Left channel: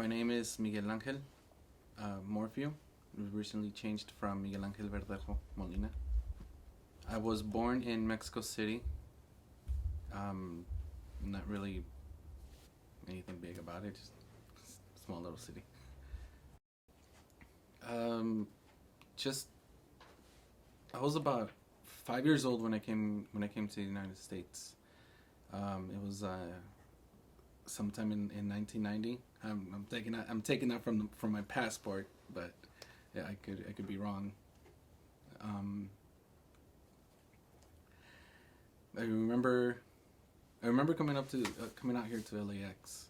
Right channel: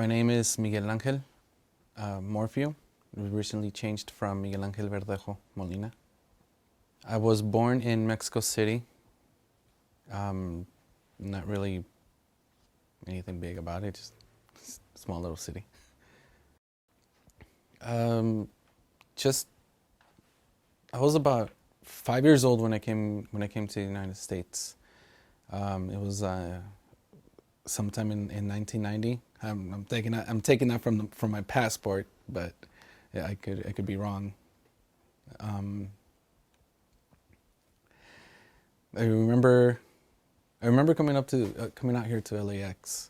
My name is Miguel Morphew. We recently changed from Miguel Ángel Verdejo Molina. I was born in Mexico City. Not really anything big about it, just a small little city. Um, just I was about 5 years old when I came to the United States. It was sometime in 1990. I'm taking that from my passport, but yeah, I could be wrong. Um, I remember coming out here to LAX.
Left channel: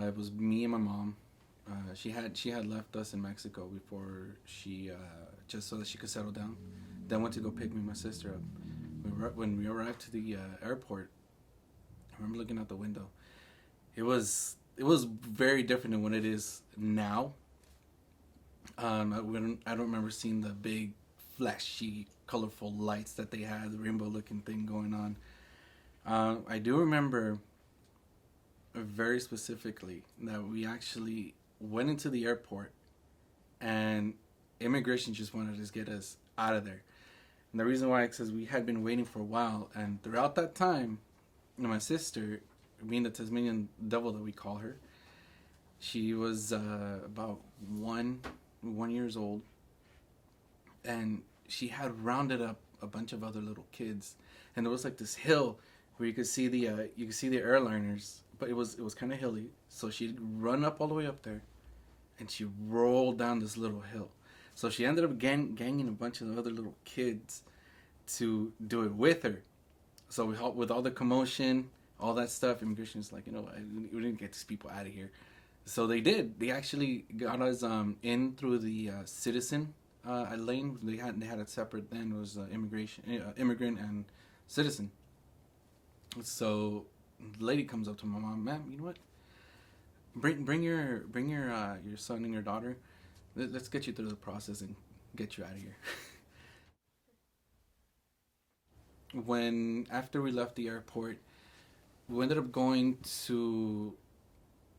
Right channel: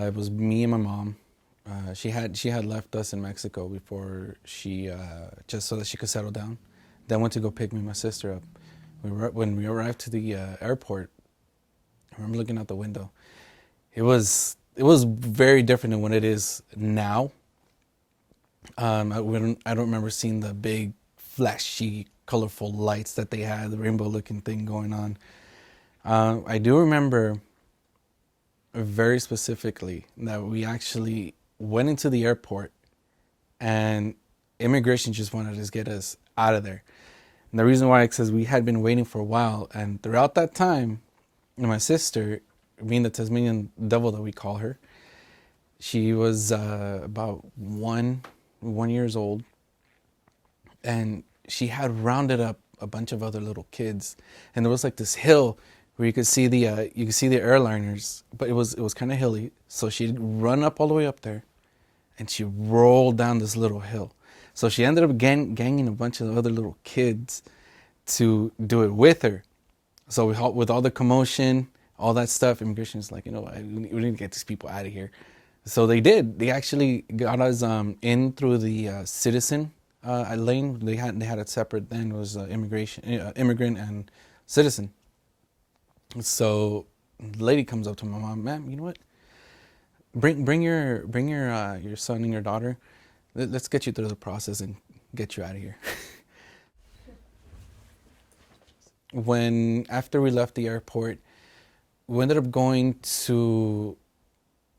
It was me and my mom. She had left us in Mexico before she just so that she could settle down. Then went to go pick me and my sister up. When we arrived to the airport, I remember looking out the window. It was very different than what it is now. I don't remember seeing the big, flashy, colorful lights that they had, the rainbow-looking thing going on. I do remember very specifically that we actually went into the airport and immigration just wanted to get us out of there. And the reason why is because we had been waiting for a while, and throughout that time, my sister, being the Tasmanian devil that we call her, she was about one years old, and she had rounded up a bunch of other little kids, and there was like this hill where you could see the airliners, but it was kind of hilly. So she'd run up all the way up there, and she rolled down this little hill. So she ended up ganging a bunch of other little kids to do it with her. So with all the commotion, all that stuff, immigration is like, we need to get these people out of here. So they did. They actually got us in through the citizen lane. They had it separate then. It was immigrant and citizen. So the lady comes up to my mom, ma'am, you know what? Bring your son and your daughter. Let's get you through the process and get you out of here. After we left the airport, we ended up going to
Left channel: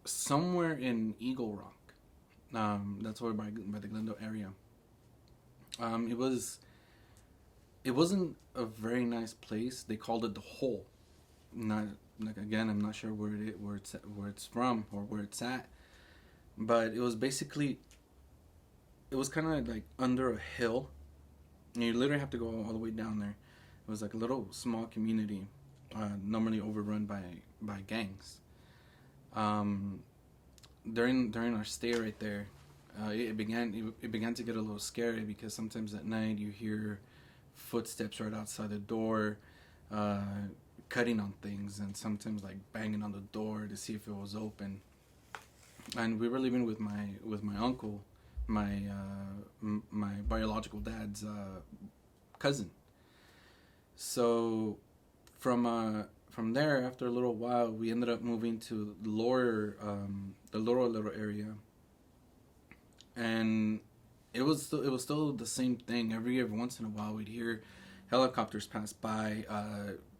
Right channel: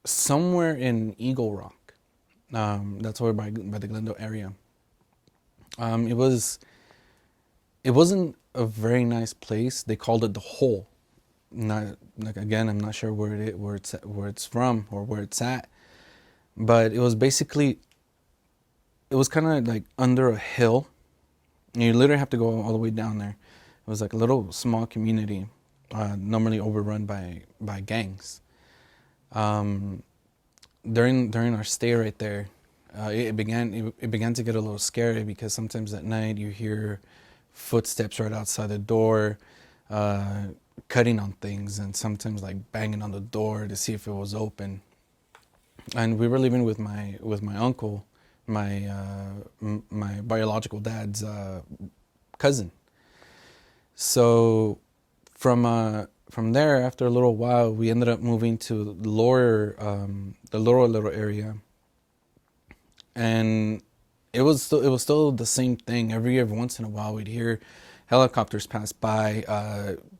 somewhere in Eagle Rock. That's over by the Glendale area. It wasn't a very nice place. They called it the Hole. Not like, again, I'm not sure where it's from or where it's at, but it was kind of like under a hill. You literally have to go all the way down there. It was like a little small community, normally overrun by gangs. During our stay right there, it began to get a little scary because sometimes at night you hear footsteps right outside the door, cutting on things, and sometimes like banging on the door to see if it was open. And we were living with my uncle, my biological dad's cousin. So from there, after a little while, we ended up moving to the lower little area, and it was still the same thing. Every once in a while, we'd hear helicopters pass by,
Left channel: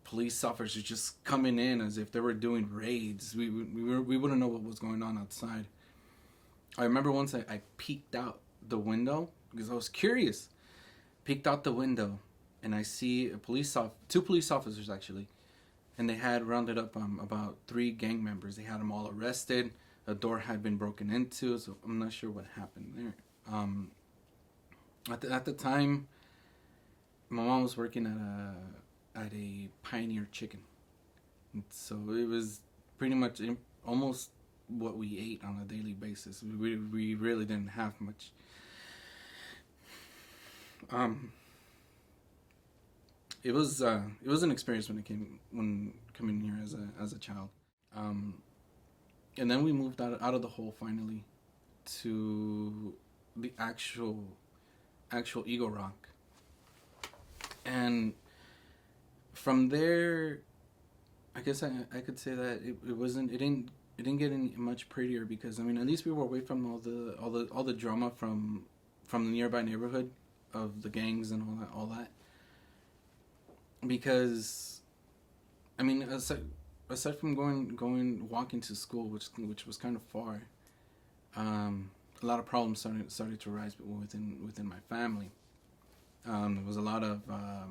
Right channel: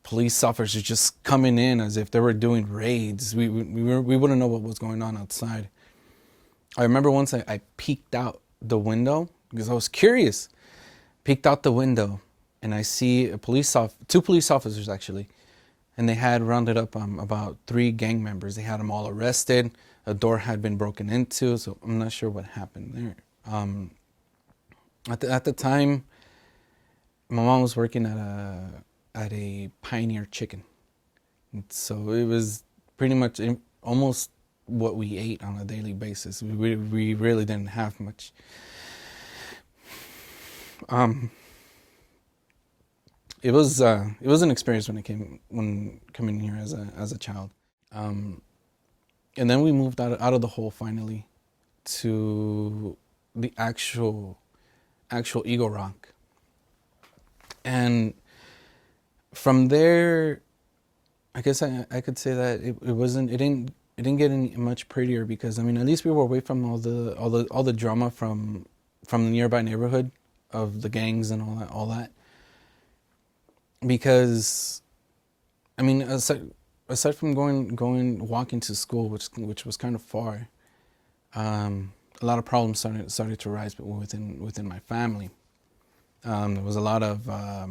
police officers just coming in as if they were doing raids. We wouldn't know what was going on outside. I remember once I peeked out the window because I was curious. Peeked out the window, and I see two police officers actually, and they had rounded up about 3 gang members. They had them all arrested. A door had been broken into, so I'm not sure what happened there. At the time, my mom was working at a Pioneer Chicken, so it was pretty much almost what we ate on a daily basis. We really didn't have much. It was an experience when coming here as a child, and then we moved out of the hole finally to the actual Eagle Rock, and from there, I guess I could say that it didn't get any much prettier because at least we were away from all the drama from the nearby neighborhood of the gangs and all that. Because aside from walking to school, which was kind of far, A lot of problems started to rise within my family. There was a lot of a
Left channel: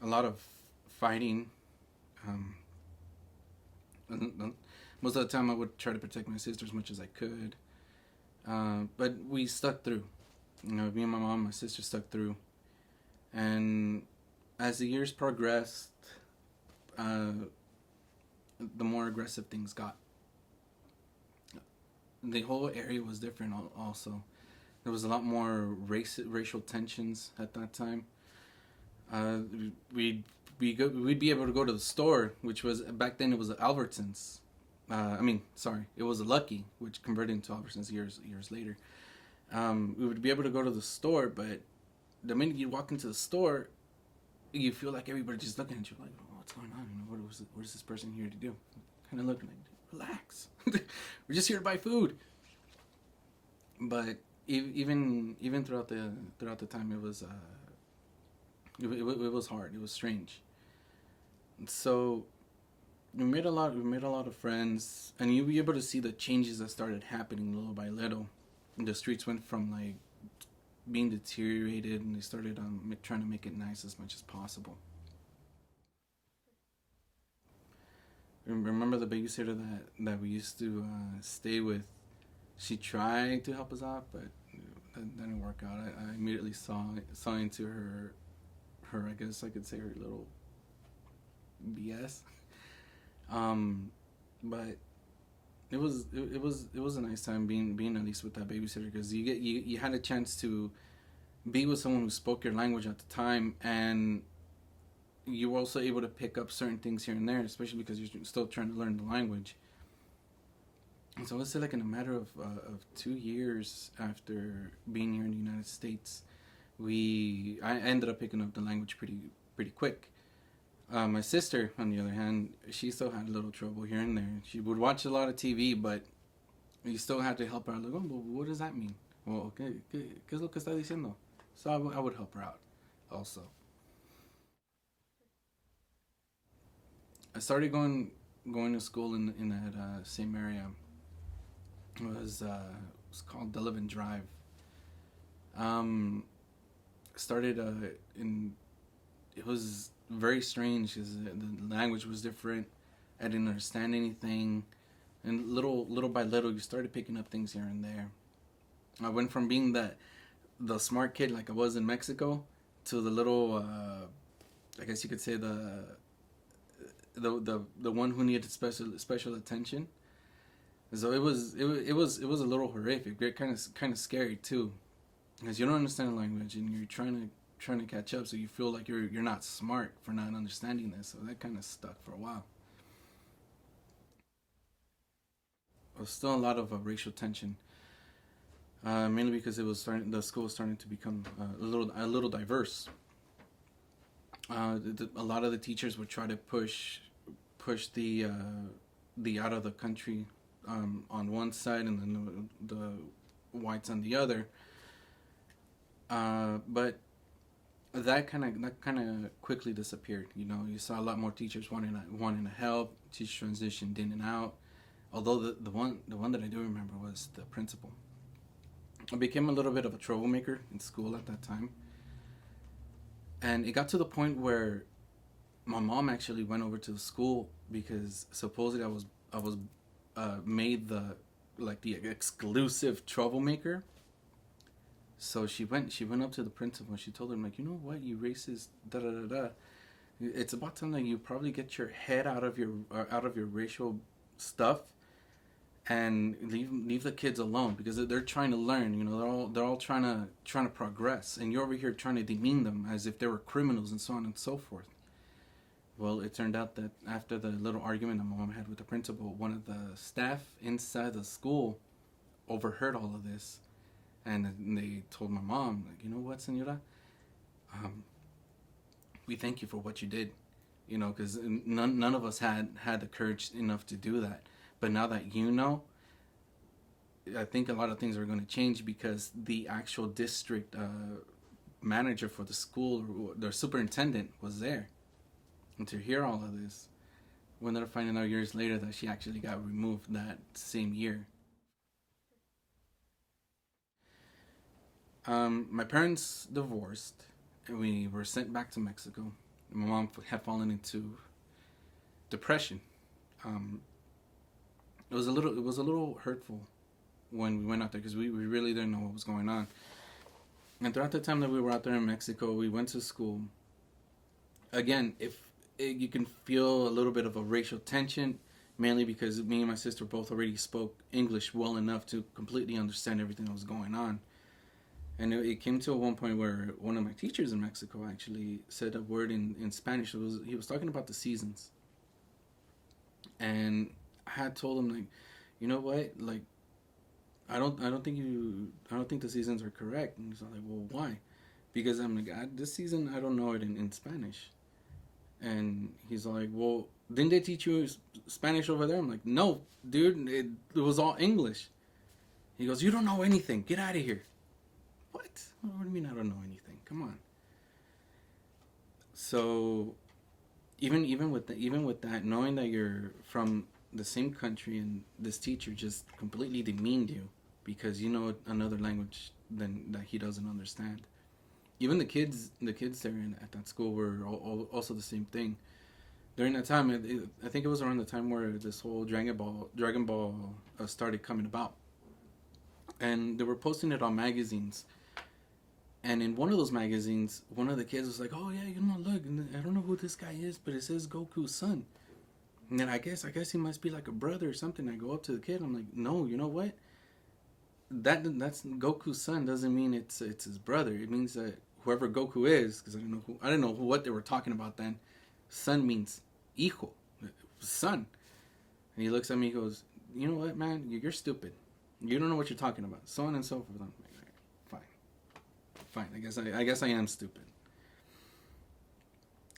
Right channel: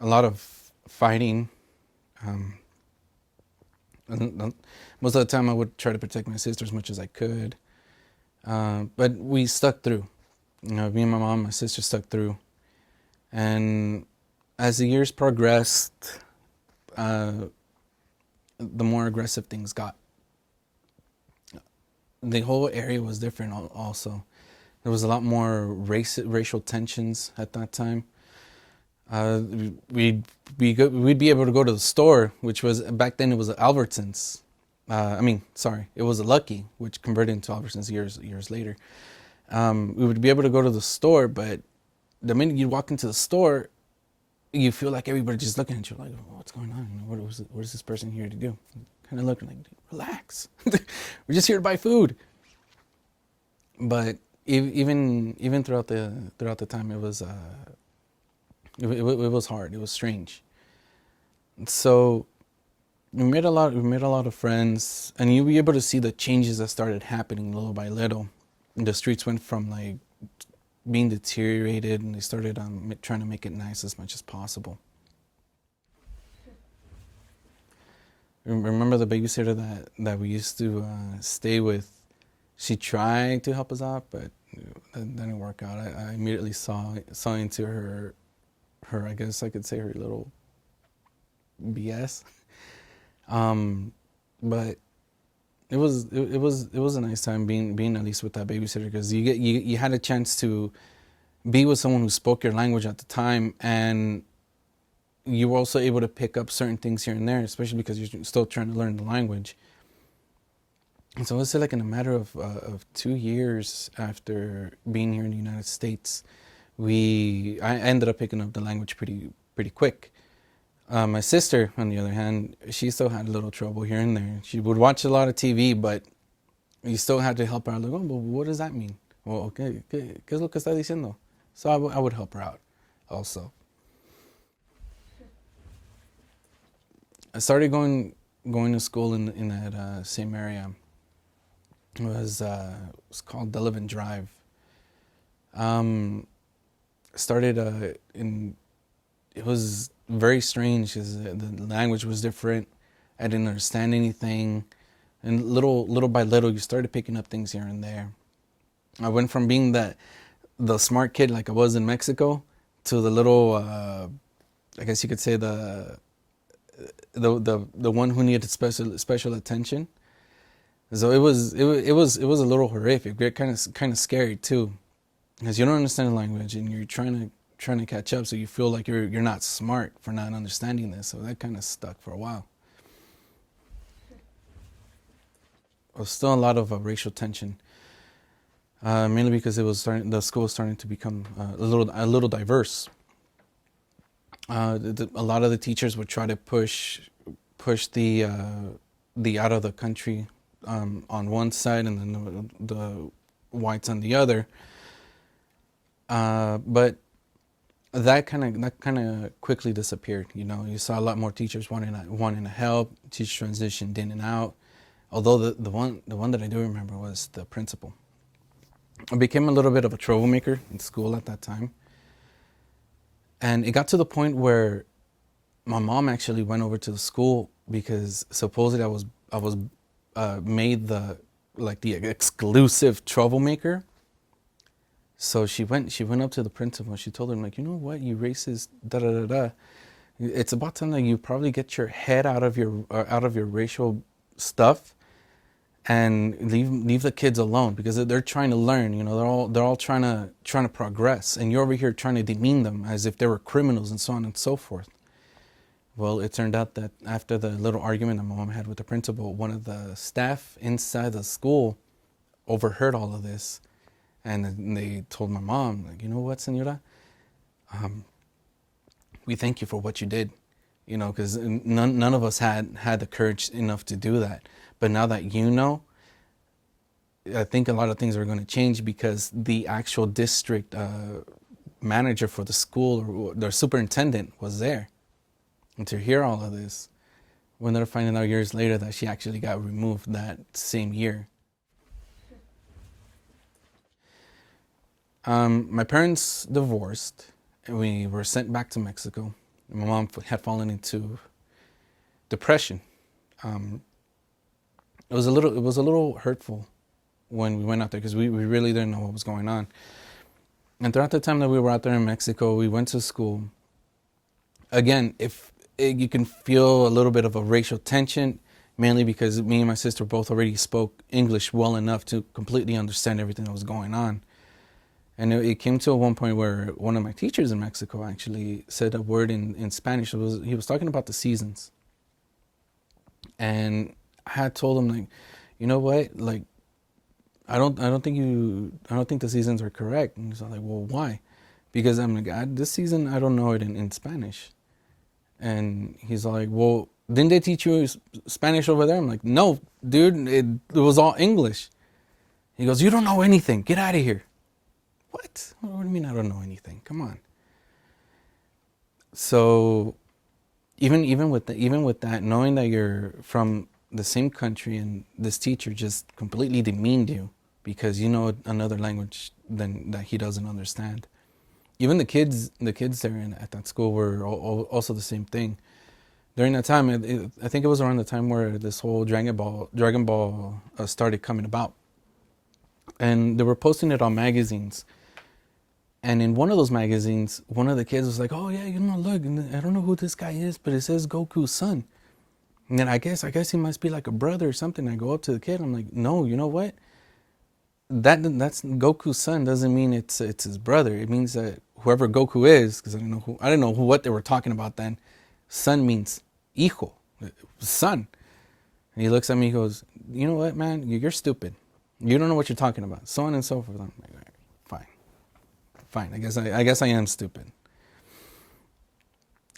lot of fighting. Um, Most of the time, I would try to protect my sister as much as I could, but we stuck through. You know, me and my mom, and my sister stuck through, and as the years progressed, uh, the more aggressive things got. The whole area was different. Also, there was a lot more racial tensions at that time. Uh, we'd we'd be able to go to the store, which was back then it was Albertsons. Sorry, it was a Lucky, which converted into Albertsons years later. We would be able to go to the store, but the minute you walk into the store, you feel like everybody just looking at you like, oh, what's going on? What is this person here to do? Kind of looking like, relax. We're just here to buy food. But even throughout the time, it was hard. It was strange. So we made a lot of friends, and you'll be able to see the changes that started happening little by little. And the streets went from like being deteriorated, and they started trying to make it nice as much as possible. Remember the babysitter that we used to stay with? She tried to help us out, but that didn't work out. I immediately saw into her, I guess I could say, her little BS. But it was a nice time being at least with that babysitter, because you had a chance to be with someone who spoke your language at the time, and you were also able to pick up certain things here and there, especially because you're still trying to learn the language. And so I would say, like, in a matter of 2 years after being here in the United States, I ended up picking up the language pretty quick. My sister, on the other hand, she still had a little trouble here and there. She would watch a lot of TV, but you still had to help her out. Like, oh, but what does that mean? Well, okay, ¿qué es lo que está diciendo? So I would help her out also. I started going to school in that same area. It was called Delavan Drive. Um, Started in It was very strange because the language was different. I didn't understand anything, and little by little, you started picking up things here and there. I went from being the smart kid like I was in Mexico to the little, I guess you could say the one who needed special attention. So it was a little horrific. Kind of scary too, because you don't understand the language and you're trying to catch up. So you feel like you're not smart for not understanding this. So that kind of stuck for a while. There was still a lot of racial tension, mainly because the school was starting to become a little diverse. A lot of the teachers would try to push the out of the country on one side, and then the whites on the other. But that kind of quickly disappeared. You know, you saw a lot more teachers wanting to help. Teacher transitioned in and out. Although the one that I do remember was the principal. I became a little bit of a troublemaker in school at that time, and it got to the point where my mom actually went over to the school because supposedly I was made the exclusive troublemaker. So she went up to the principal and she told him, like, you know what, you racist, da da da da. It's about time that you probably get your head out of your racial stuff and leave the kids alone, because they're trying to learn. You know, they're all trying to progress, and you're over here trying to demean them as if they were criminals and so on and so forth. Well, it turned out that after the little argument that my mom had with the principal, one of the staff inside the school overheard all of this, and they told my mom, like, you know what, Senora, we thank you for what you did, you know, because none of us had the courage enough to do that. But now that you know, I think a lot of things are going to change, because the actual district manager for the school, or their superintendent, was there. And to hear all of this We ended up finding out years later that she actually got removed that same year. My parents divorced, and we were sent back to Mexico. My mom had fallen into depression. Um, it was a little hurtful when we went out there because we really didn't know what was going on. And throughout the time that we were out there in Mexico, we went to school. Again, you can feel a little bit of a racial tension, mainly because me and my sister both already spoke English well enough to completely understand everything that was going on. And it came to one point where one of my teachers in Mexico actually said a word in Spanish. He was talking about the seasons. And I had told him, like, you know what? Like, I don't think the seasons are correct. And he's like, well, why? Because I'm like, this season, I don't know it in Spanish. And he's like, well, didn't they teach you Spanish over there? I'm like, no, dude, it was all English. He goes, you don't know anything. Get out of here. What? What do you mean I don't know anything? Come on. So even with that, knowing that you're from the same country and this teacher just completely demeaned you because you know another language than that he doesn't understand. Even the kids there at that school were also the same thing. During that time, I think it was around the time where this whole Dragon Ball started coming about, and they were posting it on magazines. And in one of those magazines, one of the kids was like, "Oh yeah, you know, look, I don't know who this guy is, but it says Goku's son." And then I guess he must be like a brother or something. I go up to the kid, I'm like, "No, you know what? That's Goku's son doesn't mean it's his brother. It means that whoever Goku is, because I didn't know what they were talking about then. Son means hijo, son." And he looks at me, he goes, "You know what, man? You're stupid. You don't know what you're talking about." So on and so forth. I'm like, all right, fine. I guess I am stupid.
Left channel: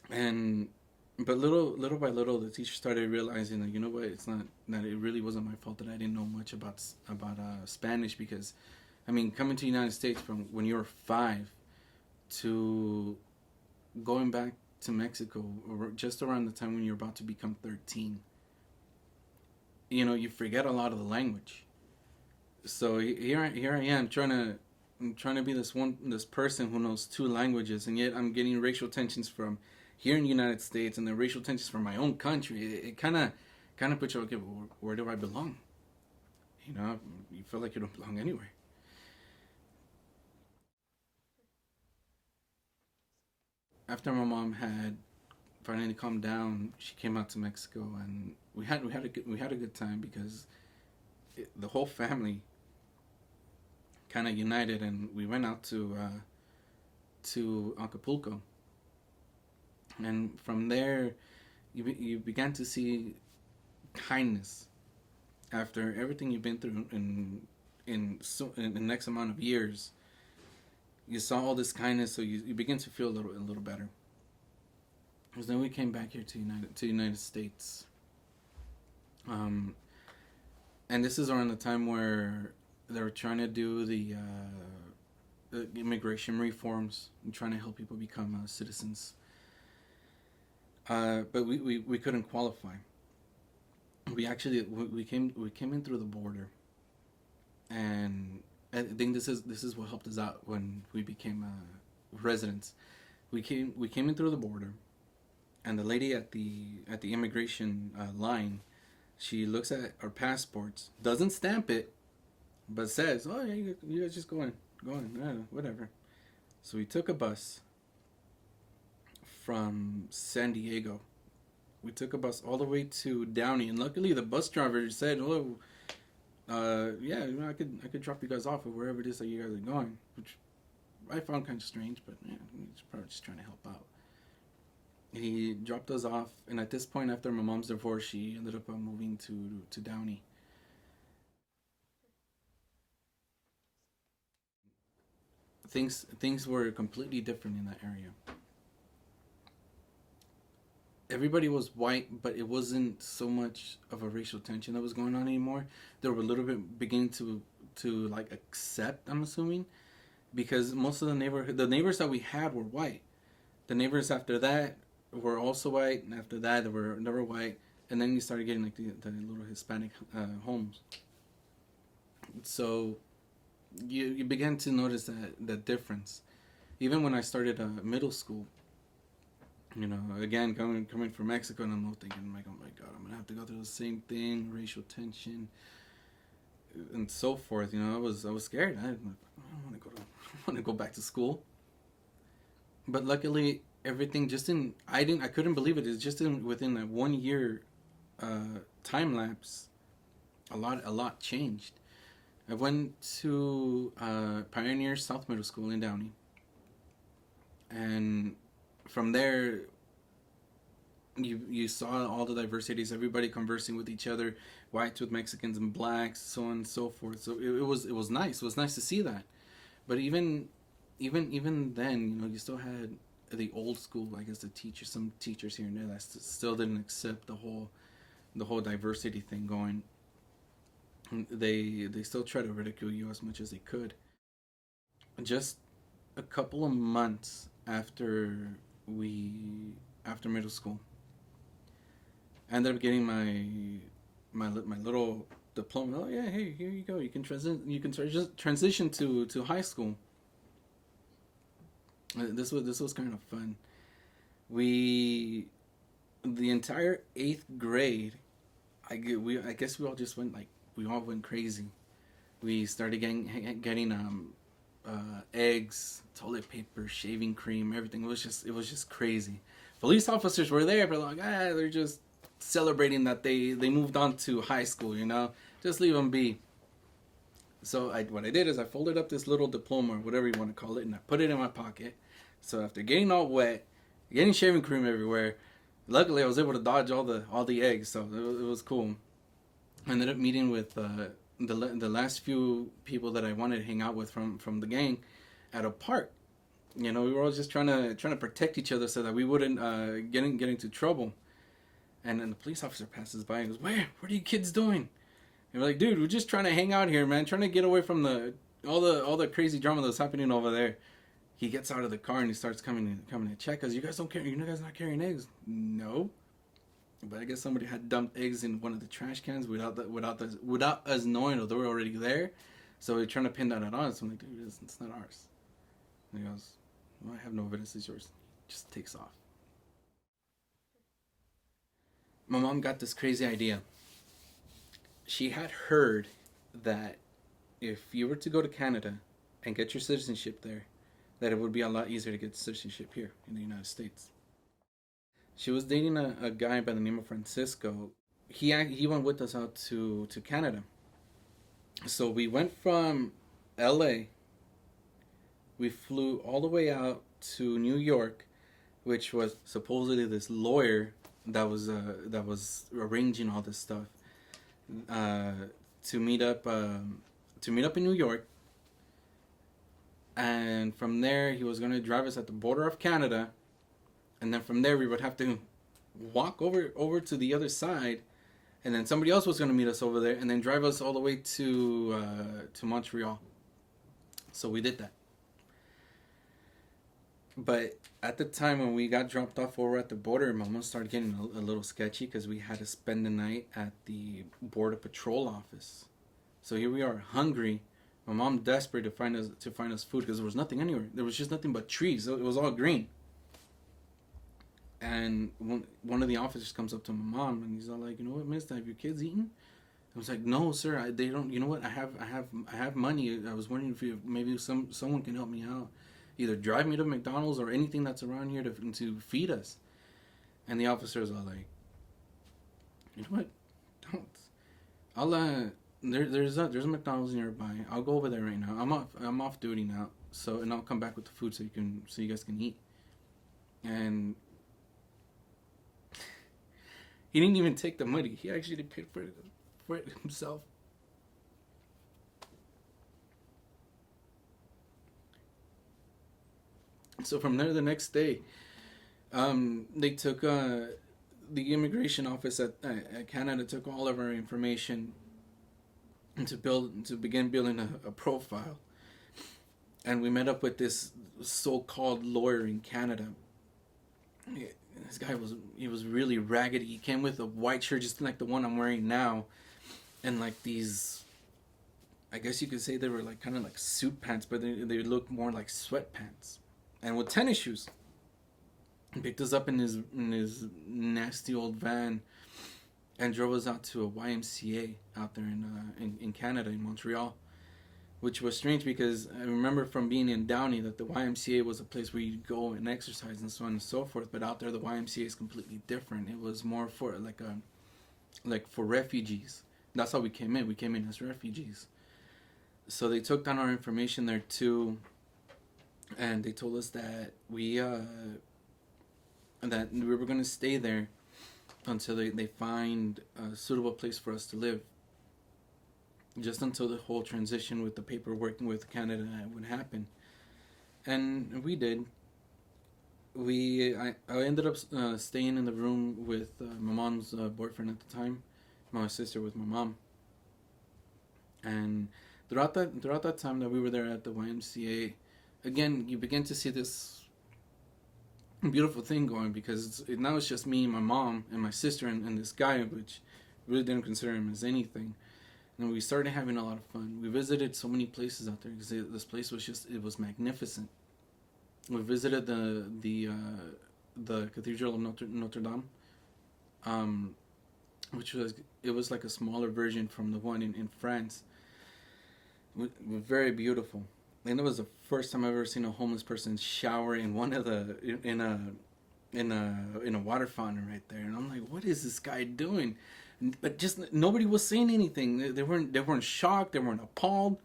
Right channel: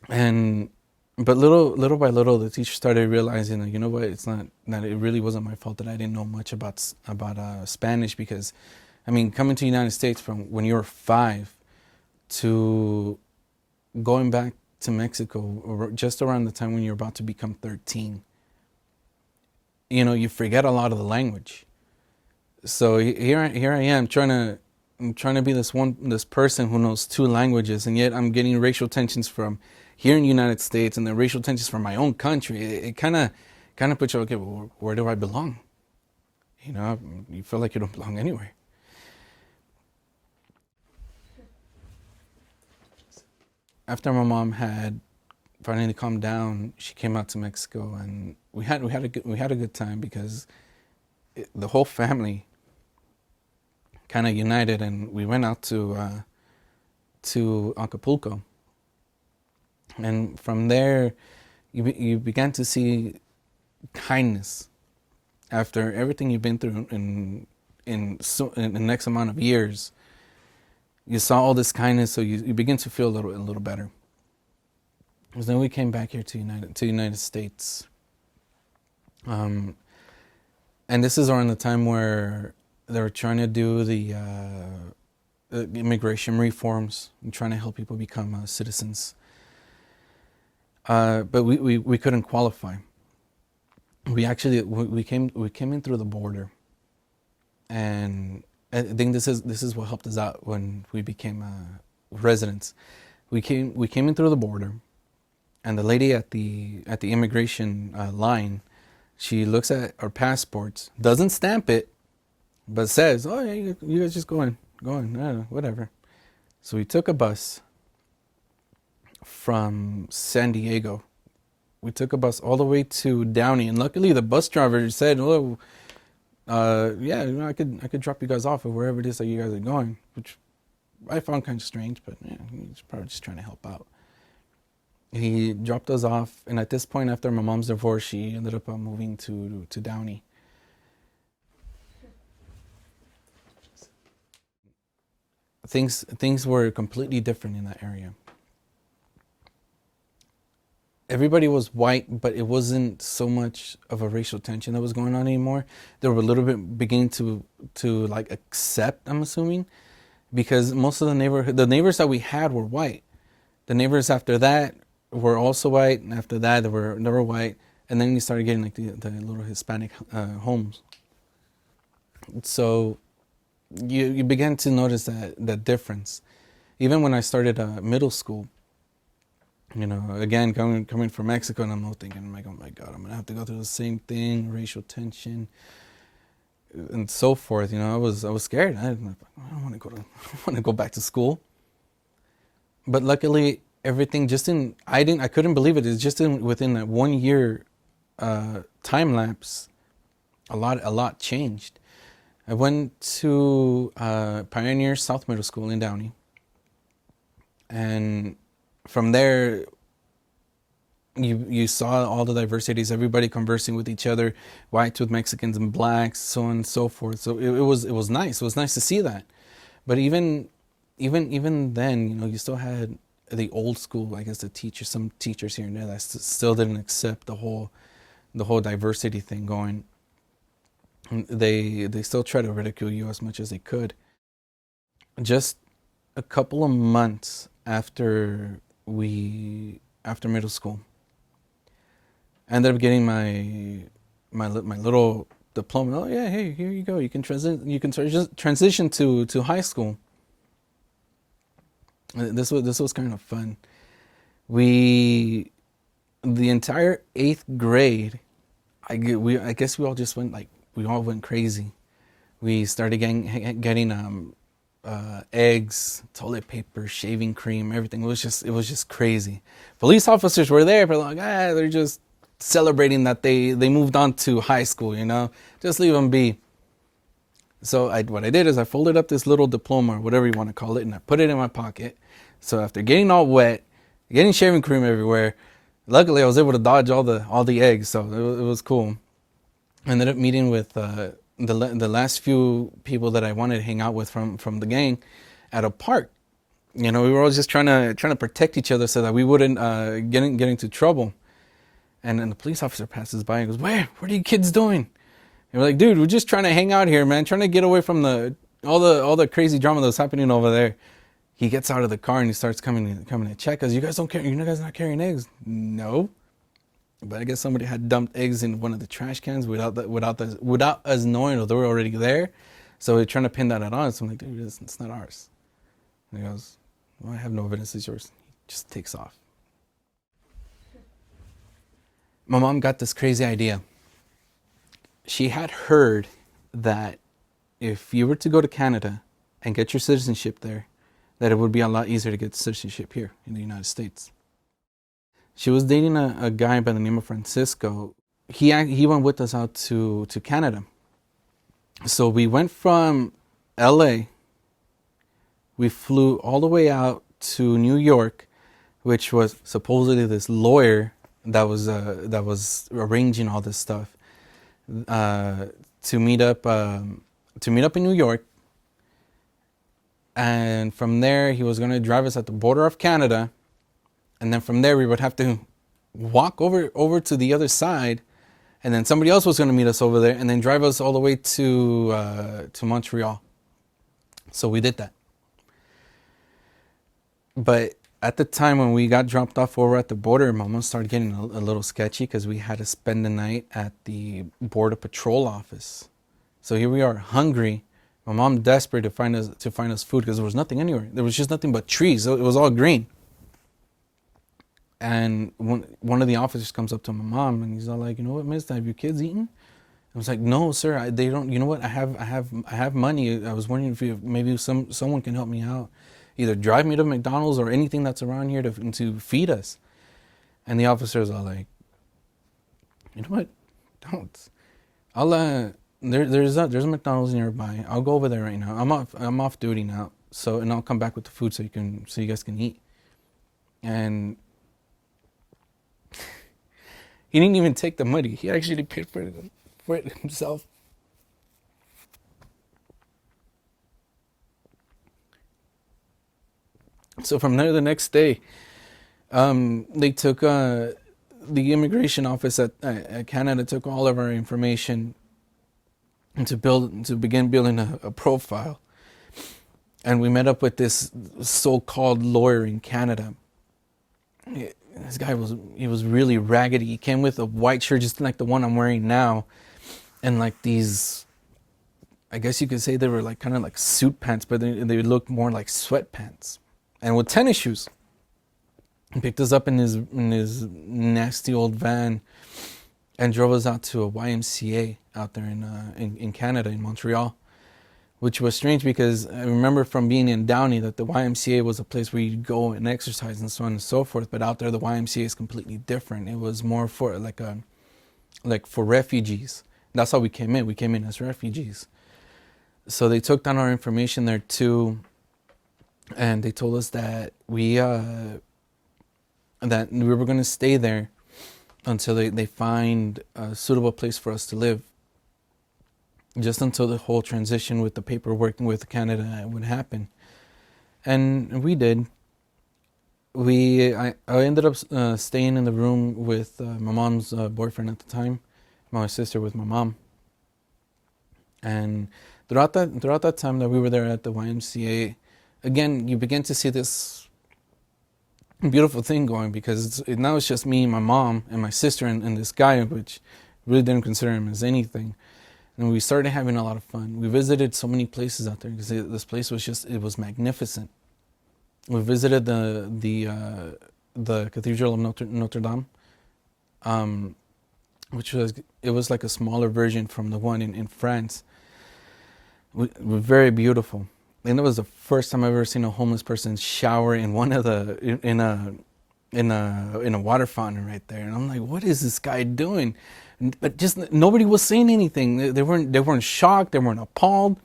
And but little by little, the teacher started realizing that, you know what, it's not that it really wasn't my fault that I didn't know much about Spanish, because I mean, coming to the United States from when you were 5 to going back to Mexico just around the time when you're about to become 13, you know, you forget a lot of the language. So here I am trying to be this person who knows 2 languages, and yet I'm getting racial tensions from here in the United States and the racial tensions from my own country. It kind of puts you, okay, well, where do I belong? You know, you feel like you don't belong anywhere. After my mom had finally calmed down, she came out to Mexico, and we had a good time because the whole family kind of united, and we went out to Acapulco, and from there, you began to see kindness after everything you've been through in the next amount of years. You saw all this kindness, so you begin to feel a little better. Because then we came back here to United States, and this is around the time where they were trying to do the immigration reforms and trying to help people become citizens. But we couldn't qualify. We came in through the border, and I think this is what helped us out when we became residents. We came in through the border, and the lady at the immigration line, she looks at our passports, doesn't stamp it, but says, "Oh yeah, you guys just go in, I don't know, whatever." So we took a bus from San Diego. We took a bus all the way to Downey, and luckily the bus driver said, "Oh, yeah, you know, I could drop you guys off at wherever it is that you guys are going," which I found kind of strange, but yeah, he's probably just trying to help out. He dropped us off, and at this point, after my mom's divorce, she ended up moving to Downey. Things were completely different in that area. Everybody was white, but it wasn't so much of a racial tension that was going on anymore. They were a little bit beginning to like accept, I'm assuming, because most of the neighbors that we had were white. The neighbors after that were also white, and after that they were white. and then you started getting like the little Hispanic homes. So you began to notice that difference. Even when I started middle school, again coming from Mexico, and I'm thinking, I'm like, oh my God, I'm gonna have to go through the same thing, racial tension, and so forth. I was scared. I don't want to go to I want to go back to school. But luckily, everything I couldn't believe it. It's just within that 1 year time lapse, a lot changed. I went to Pioneer South Middle School in Downey, and from there, you saw all the diversities, everybody conversing with each other, whites with Mexicans and blacks, so on and so forth. So it was nice. It was nice to see that. But even then, you still had the old school, I guess, some teachers here and there that still didn't accept the whole diversity thing going. They still try to ridicule you as much as they could. Just a couple of months after middle school, I ended up getting my little diploma. Oh yeah, hey, here you go. You can transition to high school. This was kind of fun. The entire 8th grade, I guess we all just went we all went crazy. We started getting eggs, toilet paper, shaving cream, everything. It was just crazy. Police officers were there, but they're just celebrating that they moved on to high school. Just leave them be. So what I did is I folded up this little diploma, or whatever you want to call it, and I put it in my pocket. So after getting all wet, getting shaving cream everywhere, luckily I was able to dodge all the eggs. So it was cool. I ended up meeting with the last few people that I wanted to hang out with from the gang at a park. We were all just trying to protect each other so that we wouldn't get into trouble. And then the police officer passes by and goes, What are you kids doing?" And we're like, "Dude, we're just trying to hang out here, man. Trying to get away from all the crazy drama that's happening over there." He gets out of the car and he starts coming to check us. "You guys don't care? You guys not carrying eggs?" "No." But I guess somebody had dumped eggs in one of the trash cans without us knowing that they were already there. So we're trying to pin that on us. I'm like, "Dude, it's not ours." And he goes, "Well, I have no evidence it's yours." He just takes off. My mom got this crazy idea. She had heard that if you were to go to Canada and get your citizenship there, that it would be a lot easier to get citizenship here in the United States. She was dating a guy by the name of Francisco. He went with us out to Canada. So we went from LA. We flew all the way out to New York, which was supposedly this lawyer that was arranging all this stuff, to meet up in New York. And from there, he was going to drive us at the border of Canada. And then from there, we would have to walk over to the other side. And then somebody else was going to meet us over there and then drive us all the way to Montreal. So we did that. But at the time when we got dropped off over at the border, my mom started getting a little sketchy because we had to spend the night at the Border Patrol office. So here we are, hungry. My mom desperate to find us food because there was nothing anywhere. There was just nothing but trees. It was all green. And one of the officers comes up to my mom and he's all like, "You know what, miss, have your kids eaten?" I was like, "No, sir, they don't. You know what? I have money. I was wondering if maybe someone can help me out, either drive me to McDonald's or anything that's around here to feed us." And the officers are like, "You know what? Don't. I'll there's a McDonald's nearby. I'll go over there right now. I'm off duty now. So and I'll come back with the food so you guys can eat." And he didn't even take the money. He actually paid for it himself. So from there, the next day, they took the immigration office at Canada took all of our information to begin building a profile, and we met up with this so-called lawyer in Canada. This guy was really raggedy. He came with a white shirt, just like the one I'm wearing now, and like these, I guess you could say they were like kind of like suit pants, but they looked more like sweatpants, and with tennis shoes. He picked us up in his nasty old van and drove us out to a YMCA out there in Canada, in Montreal, which was strange because I remember from being in Downey that the YMCA was a place where you'd go and exercise and so on and so forth. But out there, the YMCA is completely different. It was more for like for refugees. That's how we came in. We came in as refugees. So they took down our information there too, and they told us that we were going to stay there until they find a suitable place for us to live, just until the whole transition with the paperwork with Canada would happen. And we did. I ended up staying in the room with my mom's boyfriend at the time, my sister with my mom. And throughout that time that we were there at the YMCA, again, you begin to see this beautiful thing going, because now it's just me, my mom, and my sister, and this guy, which really didn't consider him as anything. And we started having a lot of fun. We visited so many places out there because this place it was magnificent. We visited the Cathedral of Notre Dame, which was like a smaller version from the one in France. Very beautiful. And it was the first time I've ever seen a homeless person shower in in a water fountain right there. And I'm like, what is this guy doing? But just nobody was saying anything. They weren't shocked. They weren't appalled.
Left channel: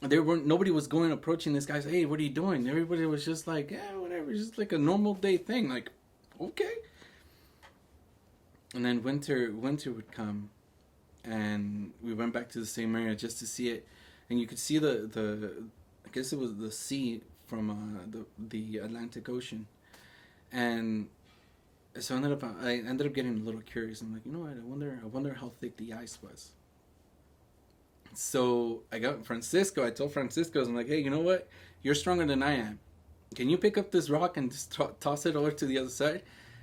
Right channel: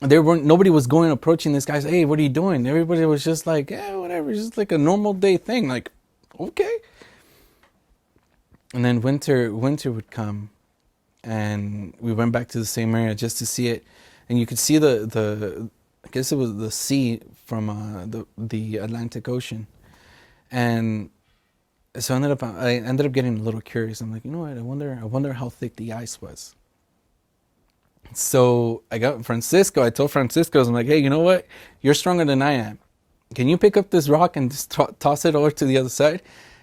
Nobody was approaching this guy. Hey, what are you doing? Everybody was just like, whatever. Just like a normal day thing. Like, okay. And then winter would come, and we went back to the same area just to see it. And you could see I guess it was the sea from the Atlantic Ocean. And so I ended up getting a little curious. I'm like, you know what? I wonder how thick the ice was. So I told Francisco, I'm like, hey, you know what? You're stronger than I am. Can you pick up this rock and just toss it over to the other side?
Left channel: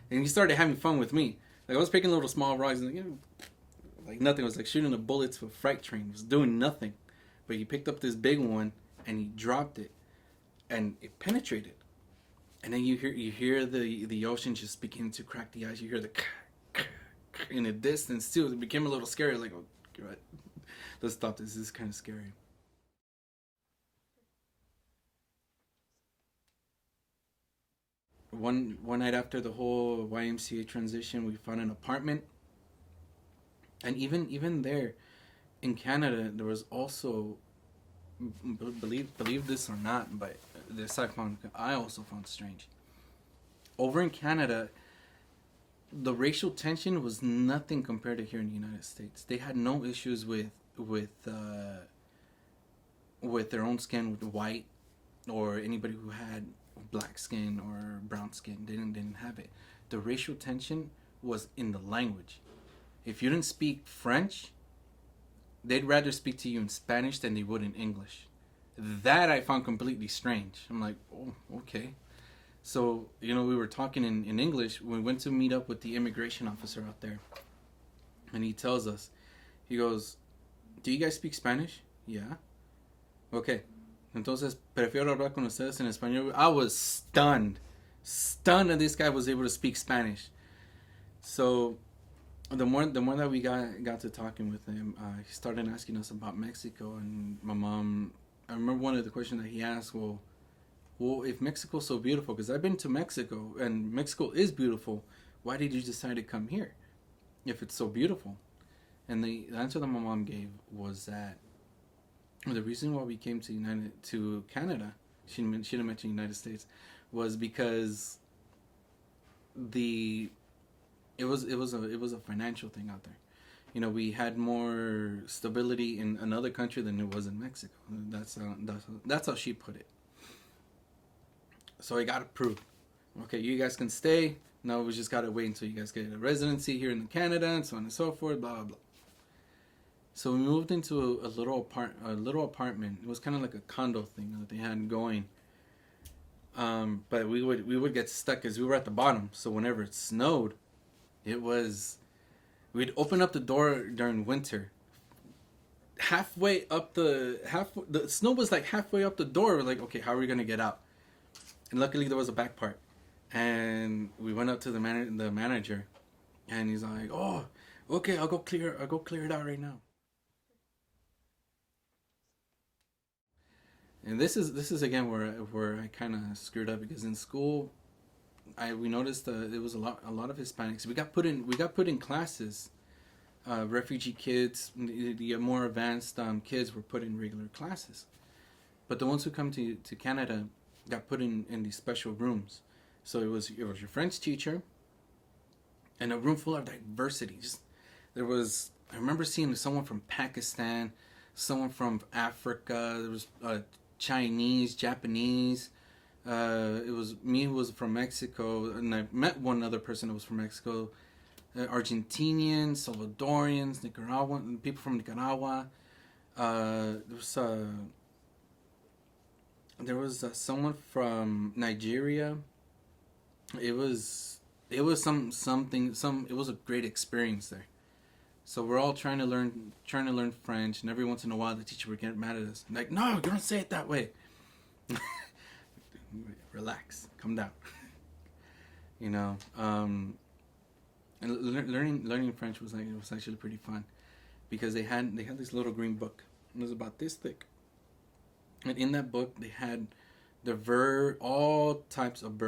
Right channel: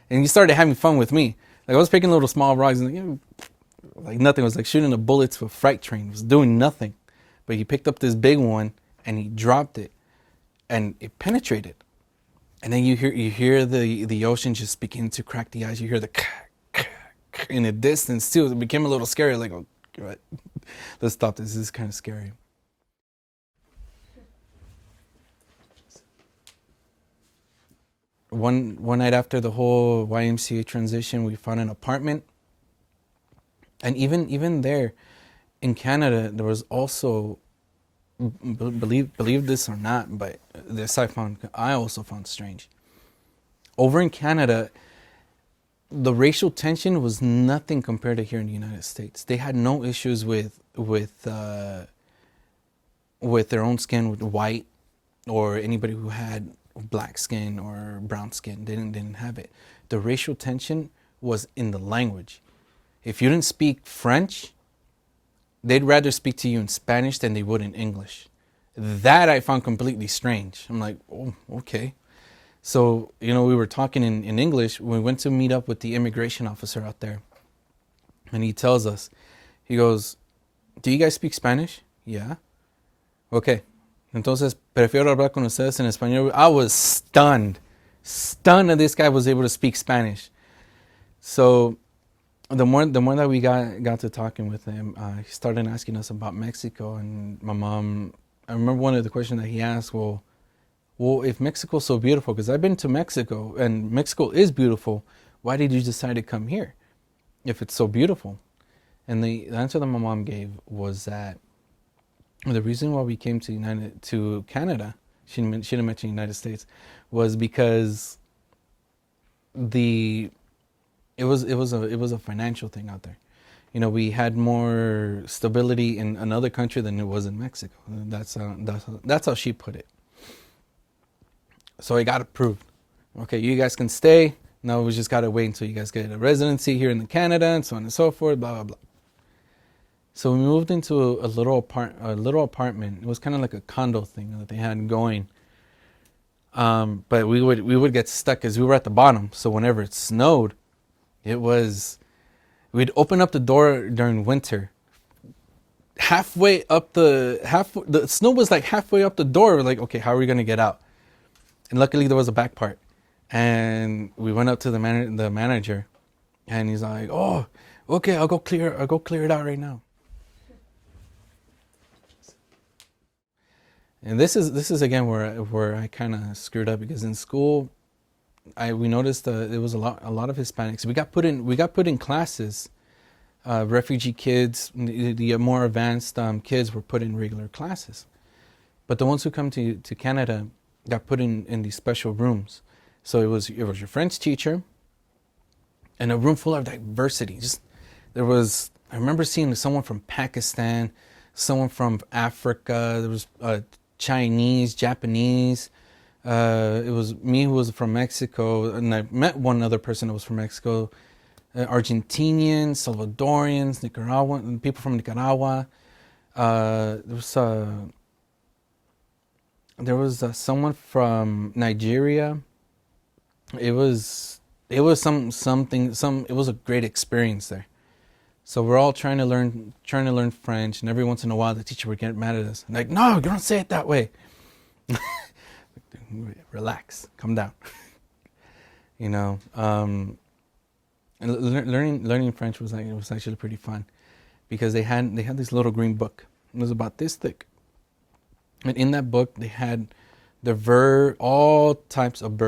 And he started having fun with me. Like I was picking little small rocks, and like nothing. It was like shooting the bullets to a freight train. It was doing nothing. But he picked up this big one and he dropped it, and it penetrated. And then you hear the ocean just begin to crack the ice. You hear the in the distance too. It became a little scary. Like, oh, God. Let's stop this. This is kind of scary. One night after the whole YMCA transition, we found an apartment, and even there, in Canada, there was also, believe this or not, but this I also found strange. Over in Canada, the racial tension was nothing compared to here in the United States. They had no issues with their own skin, with white, or anybody who had black skin or brown skin. They didn't have it. The racial tension was in the language. If you didn't speak French, they'd rather speak to you in Spanish than they would in English. That I found completely strange. I'm like, oh, okay. So, we were talking in English. We went to meet up with the immigration officer out there. And he tells us, he goes, do you guys speak Spanish? Yeah. Okay. Entonces, prefiero hablar con ustedes en español. I was stunned that this guy was able to speak Spanish. So, the more that we got to talking with him, he started asking us about Mexico. And my mom, I remember one of the questions that he asked, well, if Mexico's so beautiful, because I've been to Mexico, and Mexico is beautiful, why did you decide to come here if it's so beautiful? And the answer that my mom gave was that the reason why we came to Canada, she didn't mention United States, was because it was a financial thing out there. We had more stability in another country than it was in Mexico. That's how she put it. So I got approved. Okay, you guys can stay. Now we just gotta wait until you guys get a residency here in Canada, and so on and so forth. Blah blah blah. So we moved into a little apartment. It was kind of like a condo thing that they had going. But we would get stuck because we were at the bottom. So whenever it snowed, it was we'd open up the door during winter. Halfway up the snow was like halfway up the door. We're like, okay, how are we gonna get out? And luckily there was a back part, and we went up to the manager, and he's like, oh, okay, I'll go clear it out right now. And this is again where I kind of screwed up because in school, we noticed there was a lot of Hispanics. We got put in classes. Refugee kids, the more advanced kids were put in regular classes, but the ones who come to Canada got put in these special rooms. So it was your French teacher and a room full of diversity. Just there was I remember seeing someone from Pakistan, someone from Africa. There was Chinese, Japanese. It was me who was from Mexico, and I met one other person that was from Mexico. Argentinians, Salvadorians, Nicaraguan people from Nicaragua. There was someone from Nigeria. It was a great experience there. So we're all trying to learn French, and every once in a while the teacher would get mad at us. Like, no, don't say it that way. Relax, calm down. you know. And learning French was actually pretty fun because they had this little green book. It was about this thick, and in that book they had all types of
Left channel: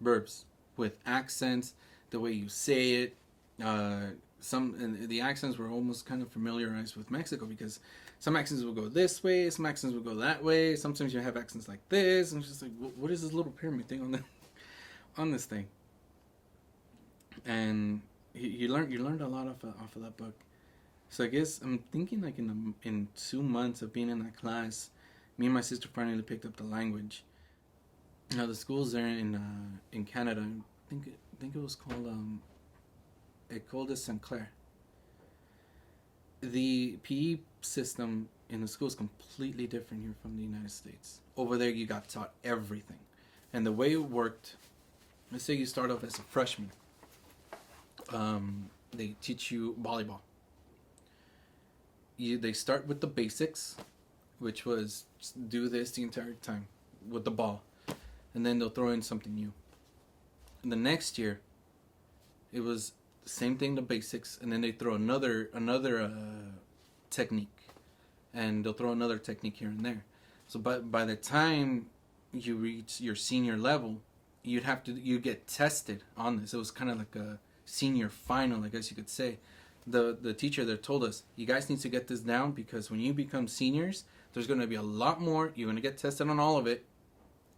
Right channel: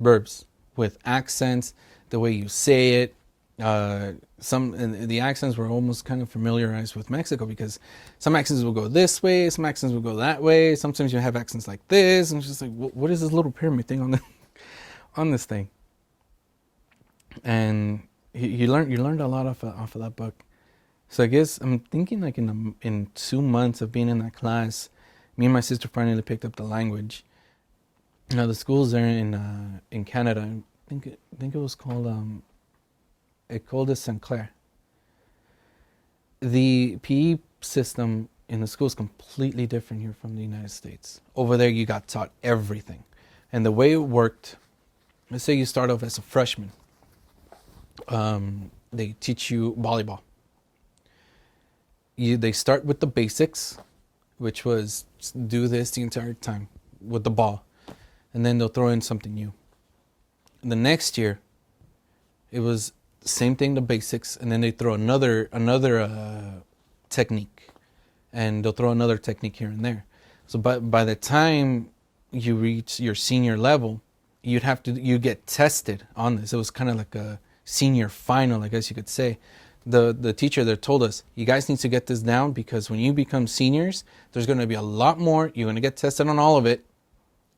verbs with accents, the way you say it. And the accents were almost kind of familiarized with Mexico because some accents will go this way, some accents will go that way. Sometimes you have accents like this, and it's just like, what is this little pyramid thing on this thing? And you learned a lot off of that book. So I guess I'm thinking like in 2 months of being in that class, me and my sister finally picked up the language. The schools there in Canada, I think it was called École de Saint Clair. The PE system in the school is completely different here from the United States. Over there, you got taught everything, and the way it worked. Let's say you start off as a freshman. They teach you volleyball. They start with the basics, which was do this the entire time with the ball, and then they'll throw in something new. And the next year, it was the same thing, the basics, and then they throw another technique, and they'll throw another technique here and there. So by the time you reach your senior level, you get tested on this. It was kind of like a senior final, I guess you could say. The teacher there told us, you guys need to get this down because when you become seniors, there's going to be a lot more. You're going to get tested on all of it,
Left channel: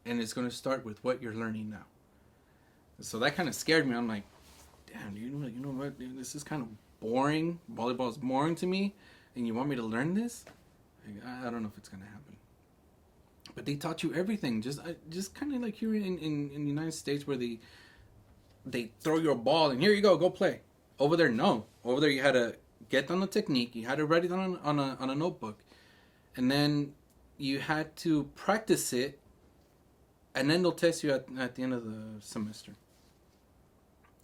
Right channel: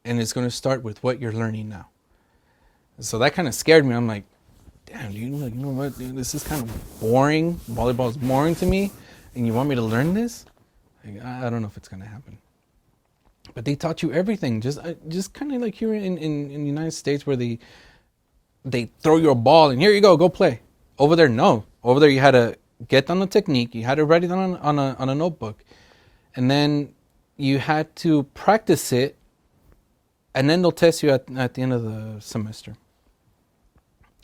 and it's going to start with what you're learning now. So that kind of scared me. I'm like, damn, you know what, dude, this is kind of boring. Volleyball is boring to me, and you want me to learn this? Like, I don't know if it's going to happen. But they taught you everything, just kind of like here in the United States, where they throw you a ball and here you go play. Over there, no. Over there, you had to get down the technique. You had to write it down on a notebook, and then you had to practice it, and then they'll test you at the end of the semester.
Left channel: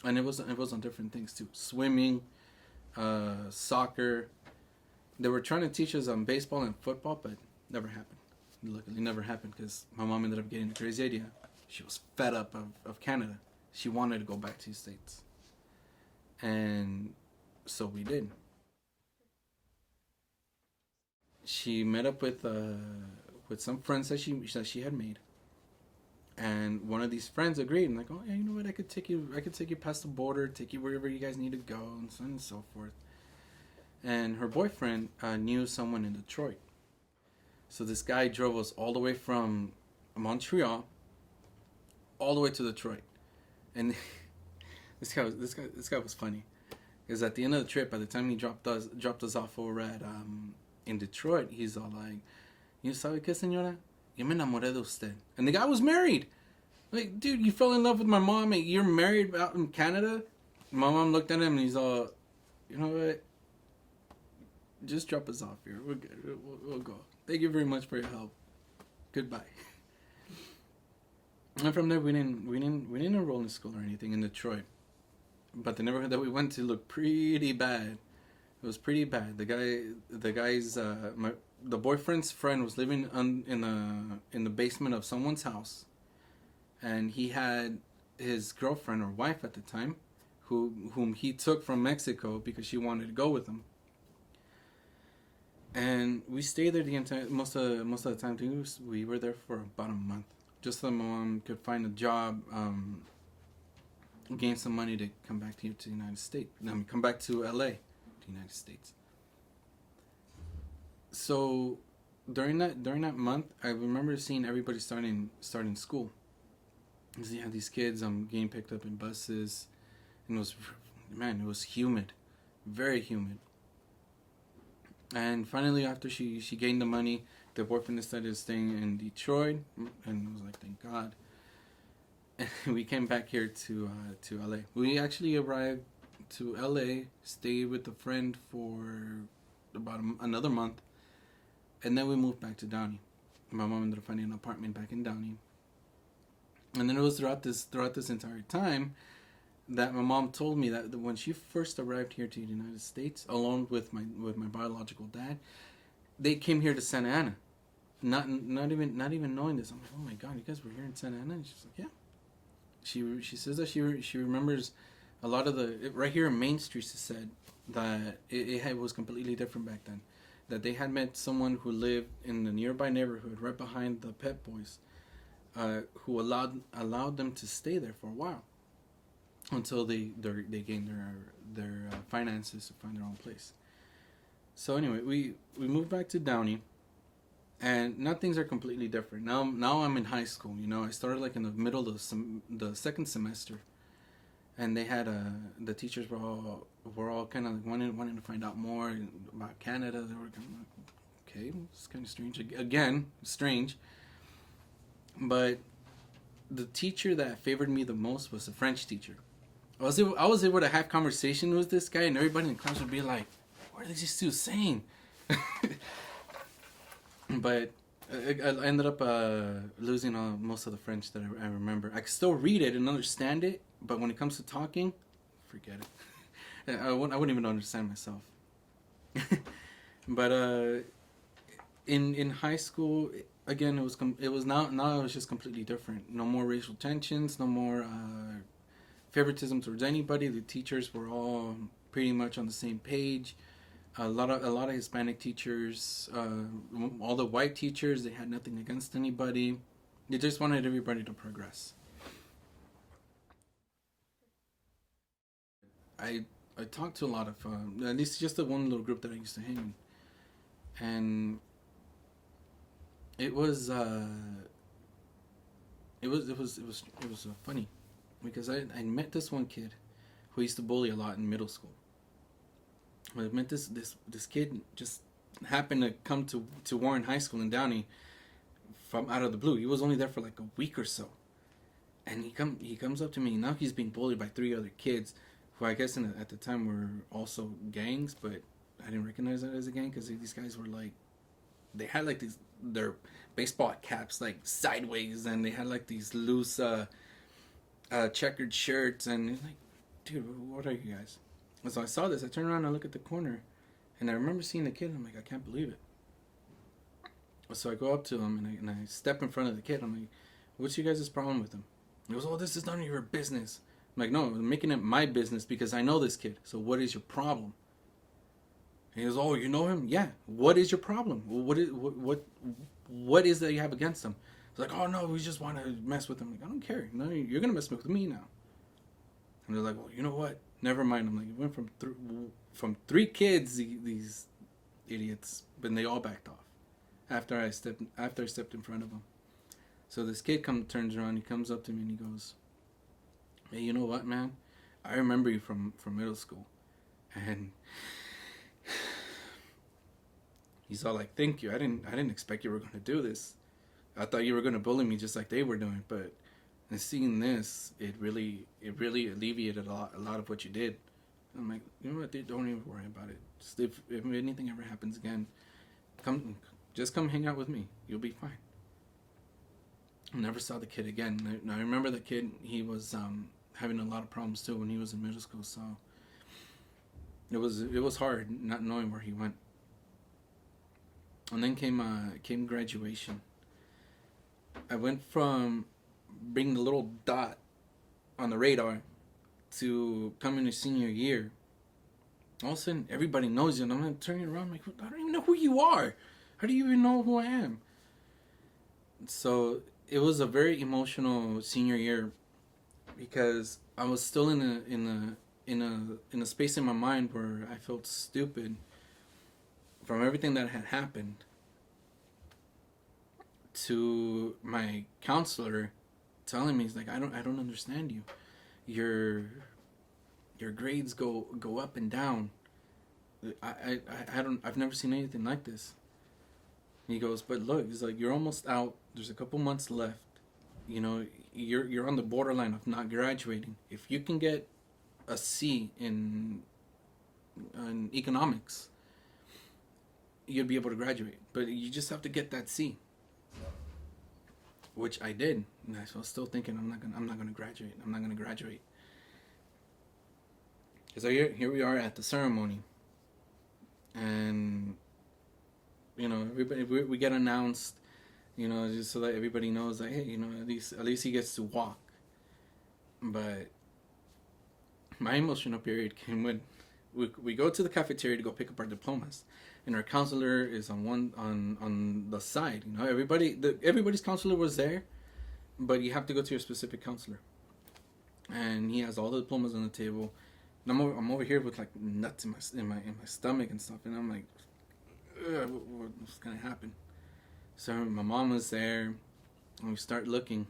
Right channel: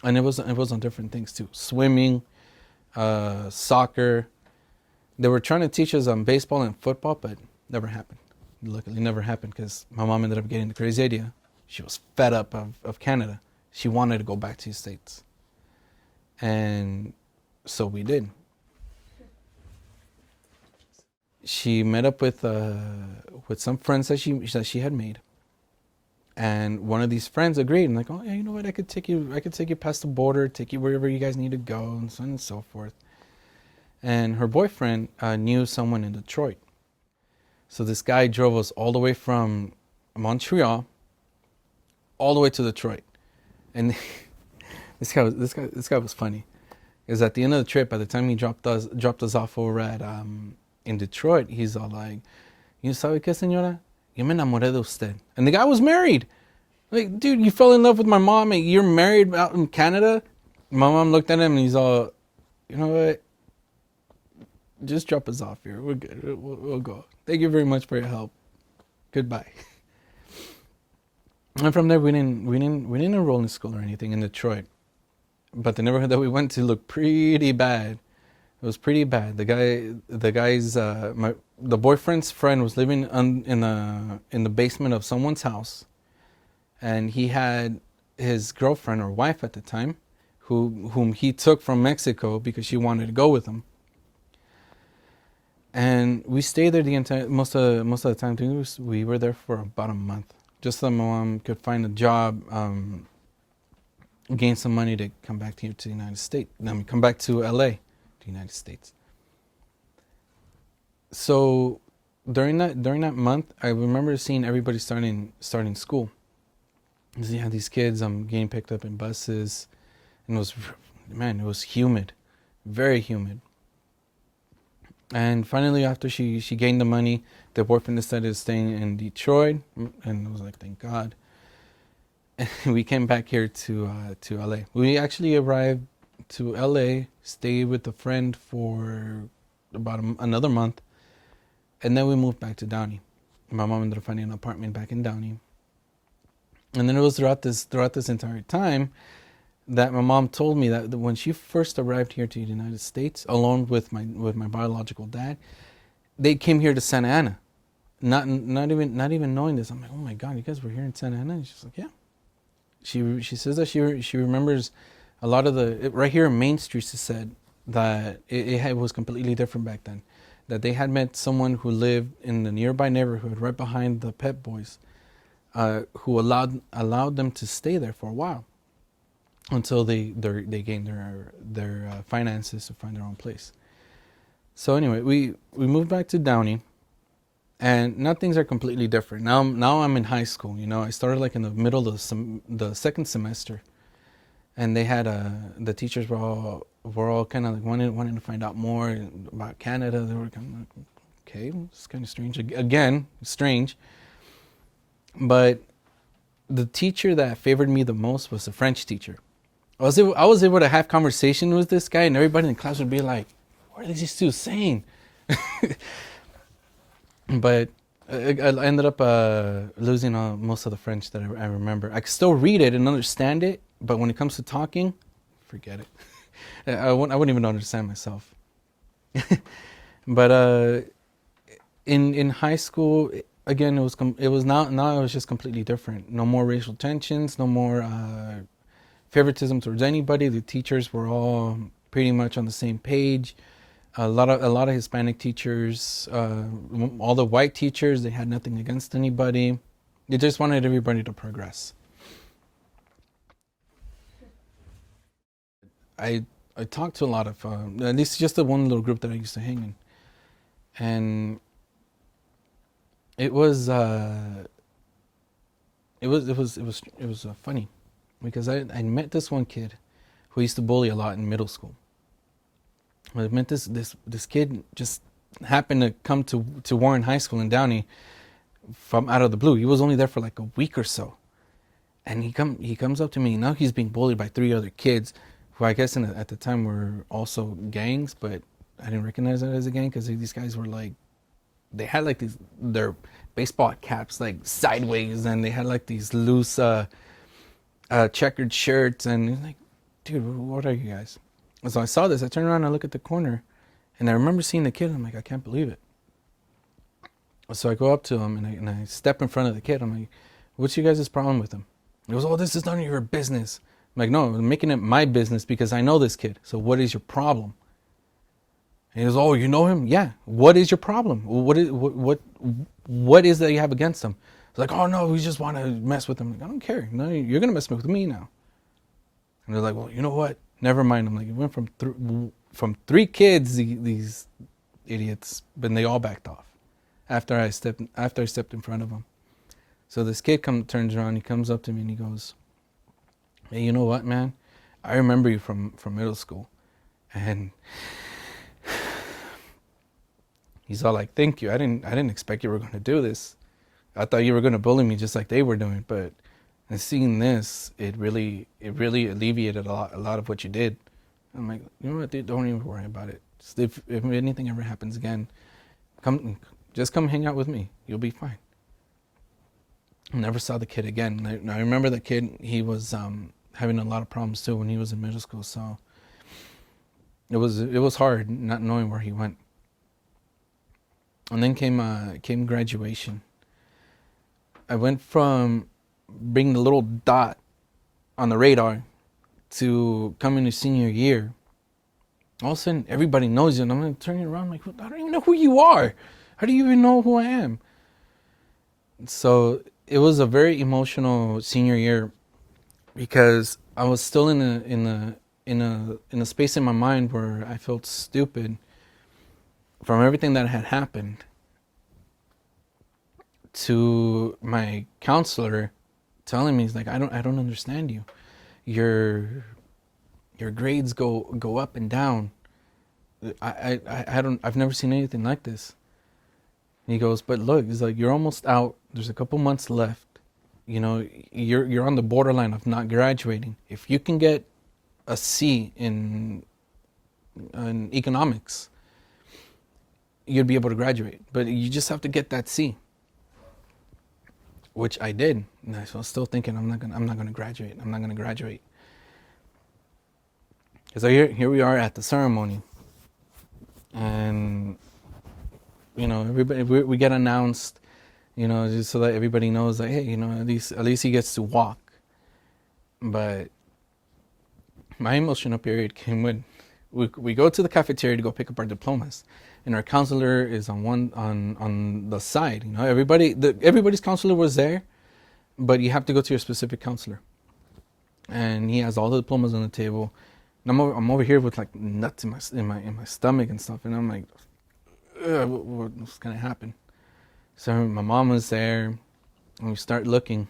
And it was on different things too. Swimming, soccer. They were trying to teach us on baseball and football, but never happened. Luckily, never happened because my mom ended up getting the crazy idea. She was fed up of Canada. She wanted to go back to the States. And so we did. She met up with some friends that she had made. And one of these friends agreed, and like, oh yeah, you know what? I could take you past the border, take you wherever you guys need to go, and so on and so forth. And her boyfriend knew someone in Detroit, so this guy drove us all the way from Montreal, all the way to Detroit. And this guy was funny, because at the end of the trip, by the time he dropped us off over at in Detroit, he's all like, "You sabe qué, señora? Yo me enamoré de usted." And the guy was married. Like, dude, you fell in love with my mom and you're married out in Canada? My mom looked at him and he's all, you know what? Just drop us off here. We're good. We'll go. Thank you very much for your help. Goodbye. And from there, we didn't enroll in school or anything in Detroit. But the neighborhood that we went to looked pretty bad. It was pretty bad. The boyfriend's friend was living in the basement of someone's house, and he had his girlfriend or wife at the time, whom he took from Mexico because she wanted to go with him. And we stayed there the entire most of the time. We were there for about a month, just so my mom could find a job, gain some money to come back here to the United States. I mean, come back to LA, the United States. So during that month, I remember seeing everybody starting school. So you have these kids getting picked up in buses, and it was humid, very humid. And finally, after she gained the money, the boyfriend decided to stay in Detroit, and I was like, thank God. And we came back here to LA. We actually arrived to LA, stayed with a friend for about another month, and then we moved back to Downey. My mom ended up finding an apartment back in Downey, and then it was throughout this entire time that my mom told me that when she first arrived here to the United States, along with my biological dad, they came here to Santa Ana, not even knowing this. I'm like, oh my God, you guys were here in Santa Ana? And she's like, yeah. She says that she remembers a lot of right here in Main Street. She said that it was completely different back then. That they had met someone who lived in the nearby neighborhood right behind the Pep Boys, who allowed them to stay there for a while until they gained their finances to find their own place. So anyway, we moved back to Downey, and now things are completely different. Now I'm in high school. I started like in the middle of the second semester, and they had the teachers were all kind of like wanting to find out more about Canada. They were kind of like, okay, it's kind of strange. Again, strange. But the teacher that favored me the most was the French teacher. I was able to have conversation with this guy, and everybody in the class would be like, "What are these two saying?" But I ended up losing most of the French that I remember. I could still read it and understand it, but when it comes to talking, forget it. I wouldn't even understand myself. But in high school, again, it was now it was just completely different. No more racial tensions, no more favoritism towards anybody. The teachers were all pretty much on the same page. A lot of Hispanic teachers, all the white teachers, they had nothing against anybody. They just wanted everybody to progress. I talked to a lot of this is just the one little group that I used to hang in, and it was funny because I met this one kid who used to bully a lot in middle school. I met this kid just happened to come to Warren High School in Downey from out of the blue. He was only there for like a week or so, and he comes up to me. Now he's being bullied by three other kids, who I guess at the time were also gangs, but I didn't recognize that as a gang because these guys were like, they had like their baseball caps like sideways, and they had like these loose checkered shirts, and like, dude, what are you guys? And so I saw this. I turned around and I look at the corner, and I remember seeing the kid. And I'm like, I can't believe it. So I go up to him and I step in front of the kid. I'm like, what's you guys' problem with him? He goes, oh, this is none of your business. I'm like, no, I'm making it my business because I know this kid. So what is your problem? And he goes, oh, you know him? Yeah. What is your problem? What is that you have against him? It's like, oh no, we just want to mess with him. Like, I don't care. No, you're gonna mess with me now. And they're like, well, you know what? Never mind. I'm like, it went from three kids, these idiots, but they all backed off after I stepped in front of them. So this kid turns around, he comes up to me and he goes, hey, you know what, man? I remember you from middle school. And he's all like, thank you. I didn't expect you were going to do this. I thought you were going to bully me just like they were doing. But and seeing this, it really alleviated a lot of what you did. I'm like, you know what, dude, don't even worry about it. Just if anything ever happens again, come hang out with me. You'll be fine. I never saw the kid again. I remember the kid, he was having a lot of problems too when he was in middle school. So it was hard not knowing where he went. And then came graduation. I went from being the little dot on the radar to coming to senior year. All of a sudden, everybody knows you, and I'm turning around like, I don't even know who you are. How do you even know who I am? So it was a very emotional senior year because I was still in a space in my mind where I felt stupid from everything that had happened, to my counselor telling me, he's like, I don't understand you. Your grades go up and down. I've never seen anything like this. And he goes, but look, he's like, you're almost out. There's a couple months left. You know, you're on the borderline of not graduating. If you can get a C in economics, you'd be able to graduate. But you just have to get that C, which I did. And I was still thinking, I'm not gonna graduate. I'm not gonna graduate. So here we are at the ceremony, and you know, everybody, we get announced, you know, just so that everybody knows that, hey, you know, at least he gets to walk. But my emotional period came when we go to the cafeteria to go pick up our diplomas, and our counselor is on the side. You know, everybody's counselor was there, but you have to go to your specific counselor, and he has all the diplomas on the table. And I'm over here with like nuts in my stomach and stuff, and I'm like, what's gonna happen? So my mom was there, and we start looking,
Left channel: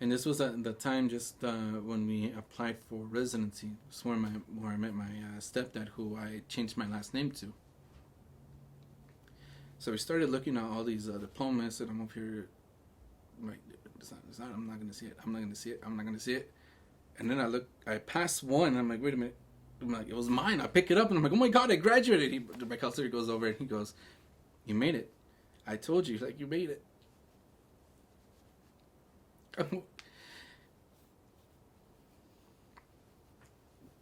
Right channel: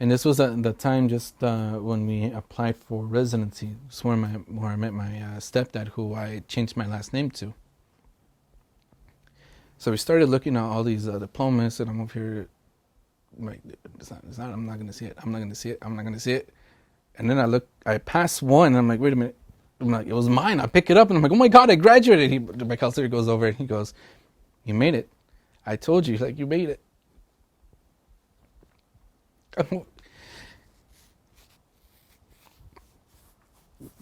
and this was at the time just when we applied for residency. It's where I met my stepdad, who I changed my last name to. So we started looking at all these diplomas, and I'm over here like, it's not, I'm not gonna see it. I'm not gonna see it. I'm not gonna see it. And then I passed one, and I'm like, wait a minute. I'm like, it was mine. I pick it up, and I'm like, oh my God, I graduated. My counselor goes over, and he goes, you made it. I told you, like, you made it.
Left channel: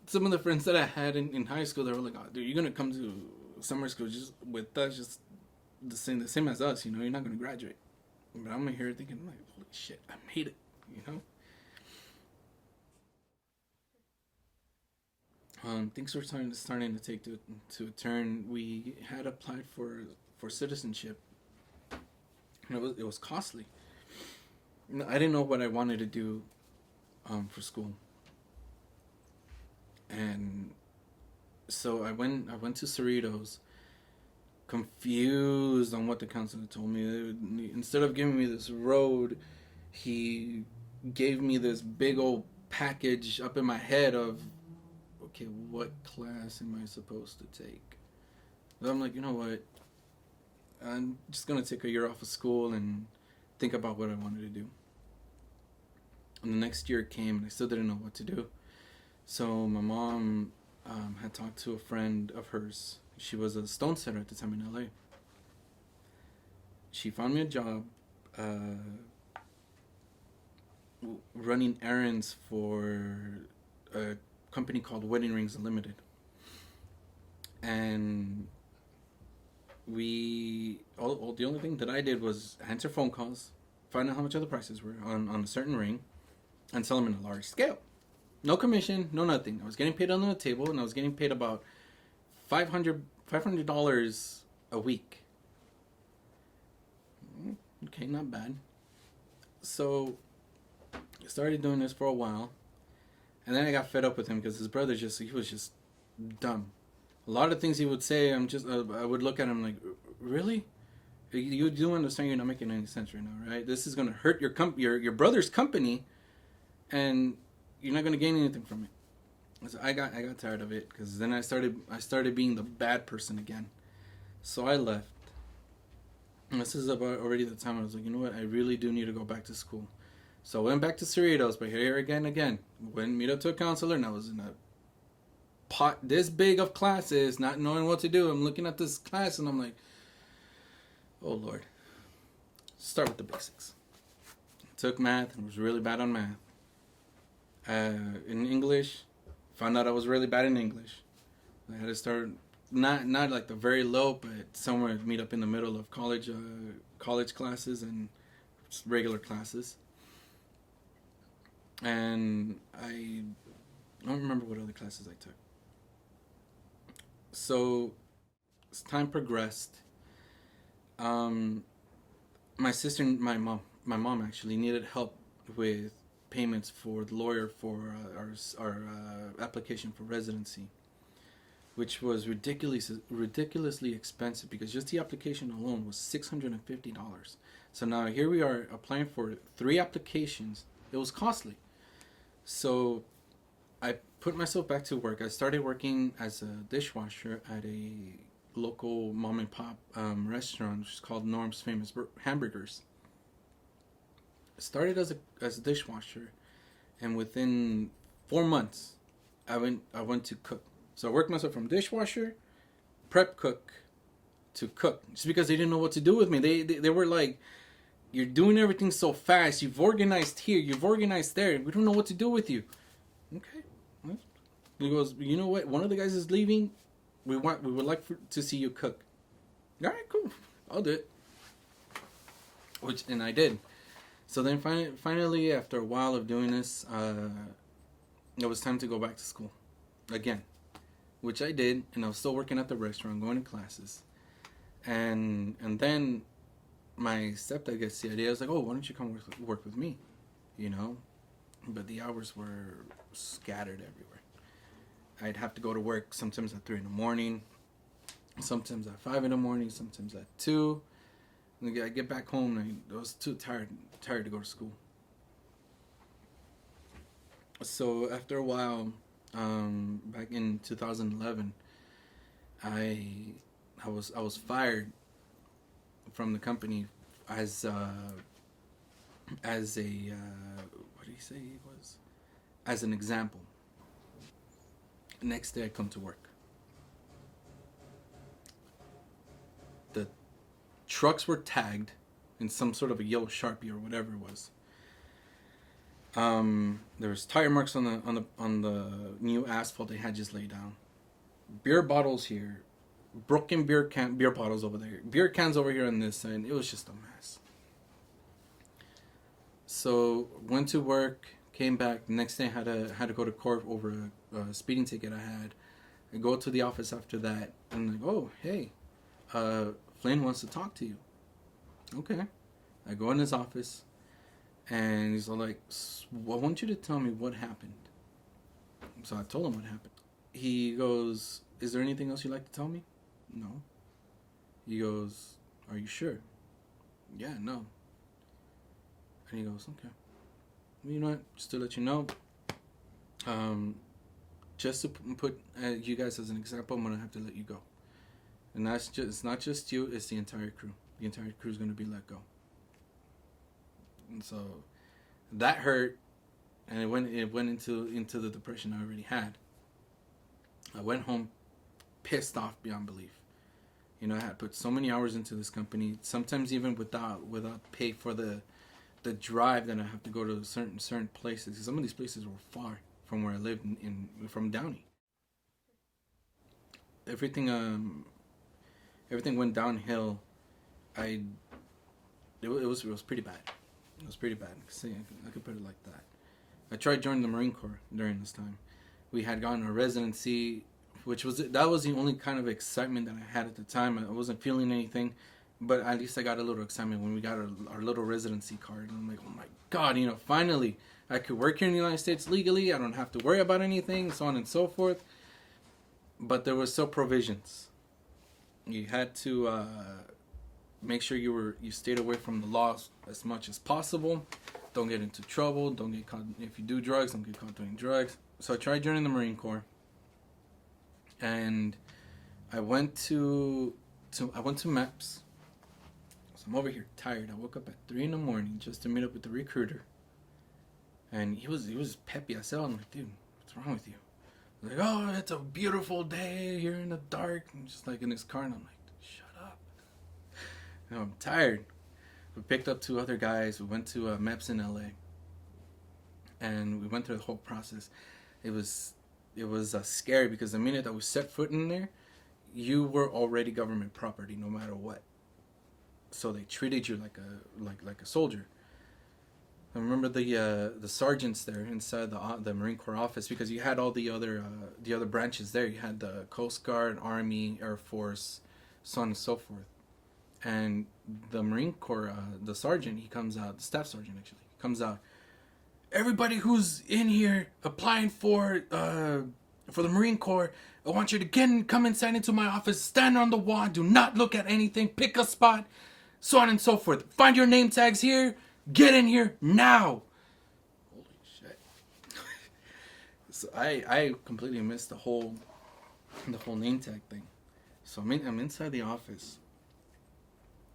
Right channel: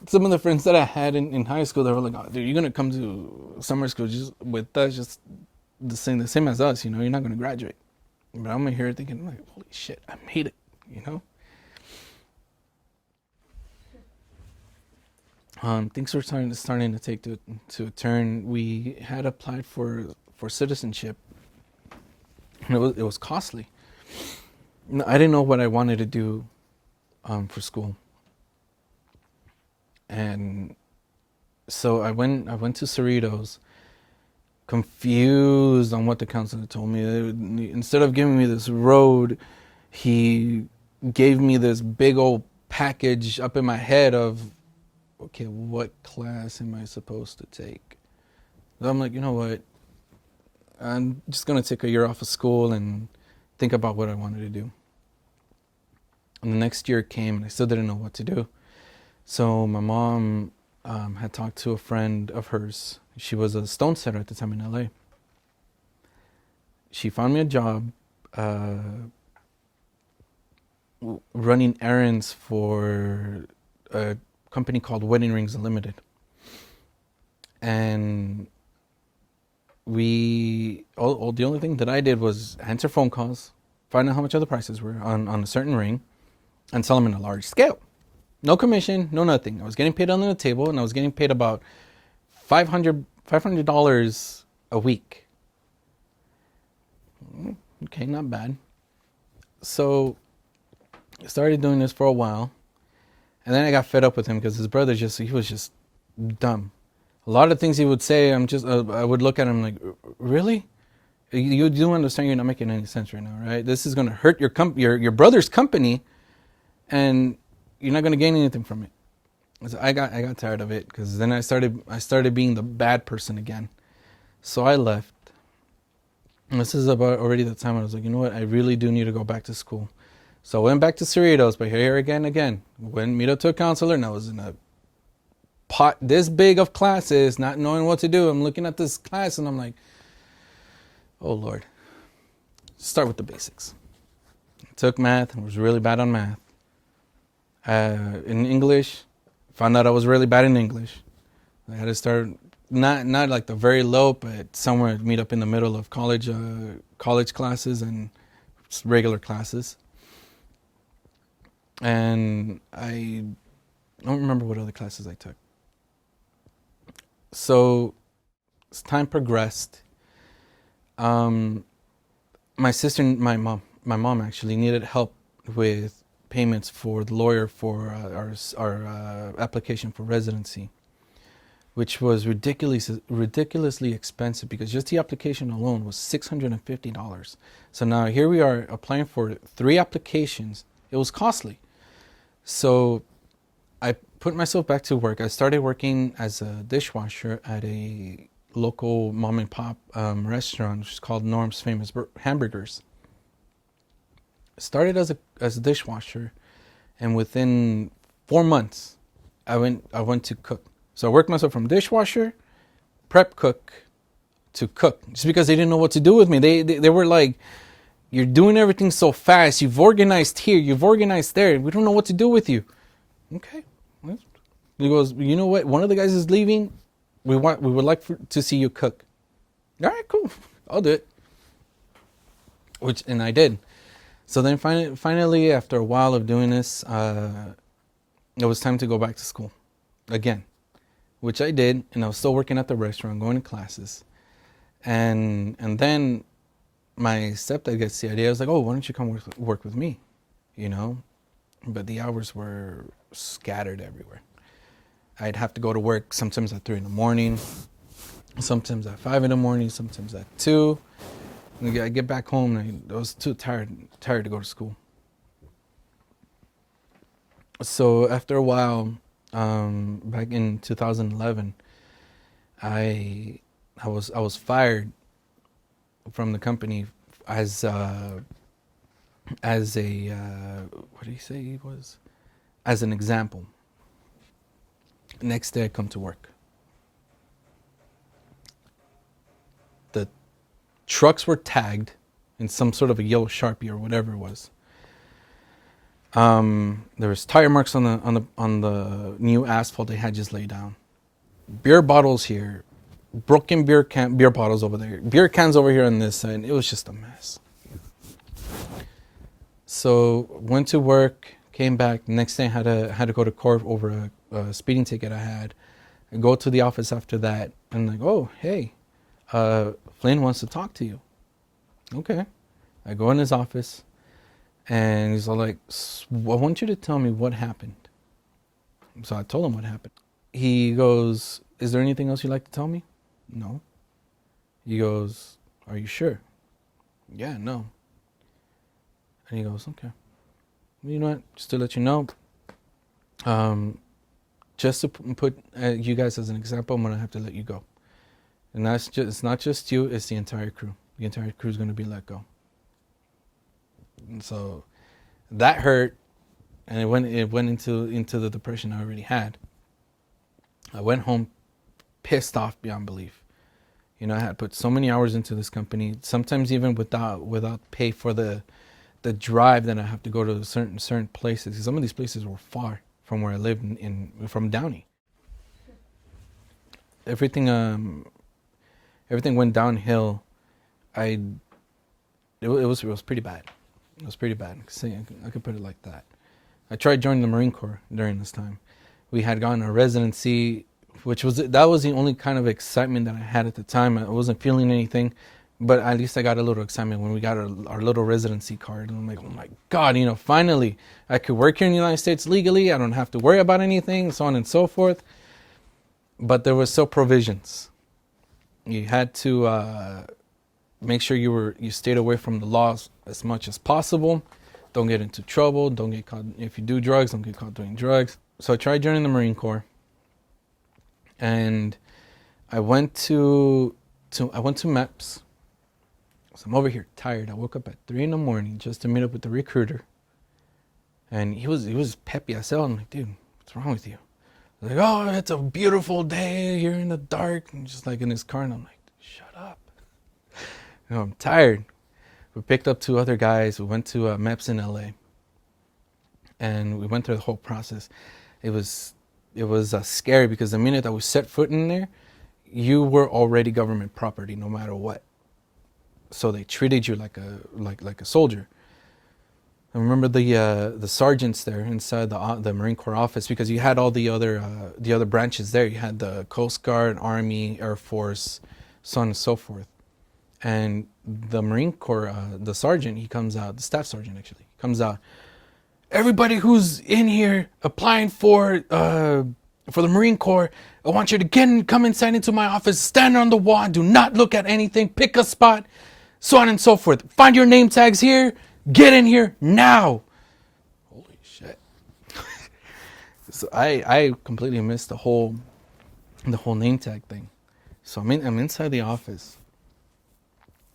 Some of the friends that I had in high school, they were like, oh, dude, you're going to come to summer school just with us, just the same as us, you know, you're not going to graduate. But I'm here thinking, like, holy shit, I made it, you know? Things were starting to take to a turn. We had applied for citizenship, and it was costly. I didn't know what I wanted to do for school, and so I went to Cerritos, confused on what the counselor told me. Instead of giving me this road, he gave me this big old package up in my head of, okay, what class am I supposed to take? So I'm like, you know what? I'm just going to take a year off of school and think about what I wanted to do. And the next year came, and I still didn't know what to do. So my mom had talked to a friend of hers. She was a stone setter at the time in LA. She found me a job running errands for a company called Wedding Rings Unlimited. And the only thing that I did was answer phone calls, find out how much other prices were on a certain ring, and sell them in a large scale. No commission, no nothing. I was getting paid on the table, and I was getting paid about $500 a week. Okay, not bad. So I started doing this for a while, and then I got fed up with him because his brother he was just dumb. A lot of things he would say, I would look at him like, really? You do understand you're not making any sense right now, right? This is going to hurt your brother's company, and you're not going to gain anything from it. So I got tired of it, because then I started being the bad person again. So I left. And this is about already the time I was like, you know what? I really do need to go back to school. So I went back to Cerritos, but here again. Went meet up to a counselor, and I was in a pot this big of classes, not knowing what to do. I'm looking at this class, and I'm like, oh Lord, start with the basics. took math and was really bad on math. In English, found out I was really bad in English. I had to start not like the very low, but somewhere meet up in the middle of college classes and regular classes. And I don't remember what other classes I took. So as time progressed, my sister, my mom actually needed help with payments for the lawyer for our application for residency, which was ridiculously expensive because just the application alone was $650. So now here we are applying for 3 applications. It was costly. So I put myself back to work. I started working as a dishwasher at a local mom and pop restaurant, which is called Norm's Famous Hamburgers. Started as a dishwasher, and within 4 months, I went to cook. So I worked myself from dishwasher, prep cook, to cook, just because they didn't know what to do with me. They were like, "You're doing everything so fast. You've organized here. You've organized there. We don't know what to do with you." Okay. He goes, "You know what? One of the guys is leaving. We would like to see you cook." All right, cool. I'll do it. And I did. So then finally, after a while of doing this, it was time to go back to school again, which I did, and I was still working at the restaurant, going to classes. And then my stepdad gets the idea. I was like, "Oh, why don't you come work with me?" You know? But the hours were scattered everywhere. I'd have to go to work sometimes at 3 in the morning, sometimes at 5 in the morning, sometimes at 2. I get back home and I was too tired to go to school. So after a while, back in 2011, I was fired from the company as a what did he say he was? As an example. Next day I come to work. The trucks were tagged in some sort of a yellow Sharpie or whatever it was. There was tire marks on the new asphalt they had just laid down. Beer bottles here, broken beer bottles over there, beer cans over here on this side. It was just a mess. So went to work, came back. Next day I had to go to court over a speeding ticket I had. I go to the office after that and like, "Oh, hey, Flynn wants to talk to you." Okay. I go in his office and he's all like, "I want you to tell me what happened." So I told him what happened. He goes, "Is there anything else you'd like to tell me?" "No." He goes, "Are you sure?" "Yeah, no." And he goes, "Okay. Well, you know what? Just to let you know, just to put you guys as an example, I'm going to have to let you go. And it's not just you, it's the entire crew. The entire crew is going to be let go." And so that hurt, and it went into the depression I already had. I went home pissed off beyond belief. You know, I had put so many hours into this company, sometimes even without pay for the drive that I have to go to certain places. Some of these places were far from where I lived from Downey. Everything went downhill. It was pretty bad. It was pretty bad. I could put it like that. I tried joining the Marine Corps during this time. We had gotten a residency, that was the only kind of excitement that I had at the time. I wasn't feeling anything, but at least I got a little excitement when we got our little residency card. And I'm like, "Oh my God, finally I could work here in the United States legally. I don't have to worry about anything, so on and so forth." But there were still provisions. You had to make sure you stayed away from the laws as much as possible. Don't get into trouble. Don't get caught. If you do drugs, don't get caught doing drugs. So I tried joining the Marine Corps, and I went to MEPS. So I'm over here tired. I woke up at 3 in the morning just to meet up with the recruiter, and he was peppy. I said, "I'm like, dude, what's wrong with you?" Like, "Oh, it's a beautiful day. You're in the dark," and just like in his car, and I'm like, "Shut up." I'm tired. We picked up 2 other guys. We went to MEPS in LA, and we went through the whole process. It was scary because the minute that we set foot in there, you were already government property, no matter what. So they treated you like a soldier. I remember the sergeants there inside the Marine Corps office, because you had all the other branches there. You had the Coast Guard, Army, Air Force, so on and so forth. And the Marine Corps, the sergeant, he comes out, the staff sergeant actually, comes out. Everybody who's in here applying for the Marine Corps, I want you to come inside into my office, stand on the wall, do not look at anything, pick a spot, so on and so forth. Find your name tags here, get in here now. Holy shit. So I completely missed the whole name tag thing. So I'm inside the office.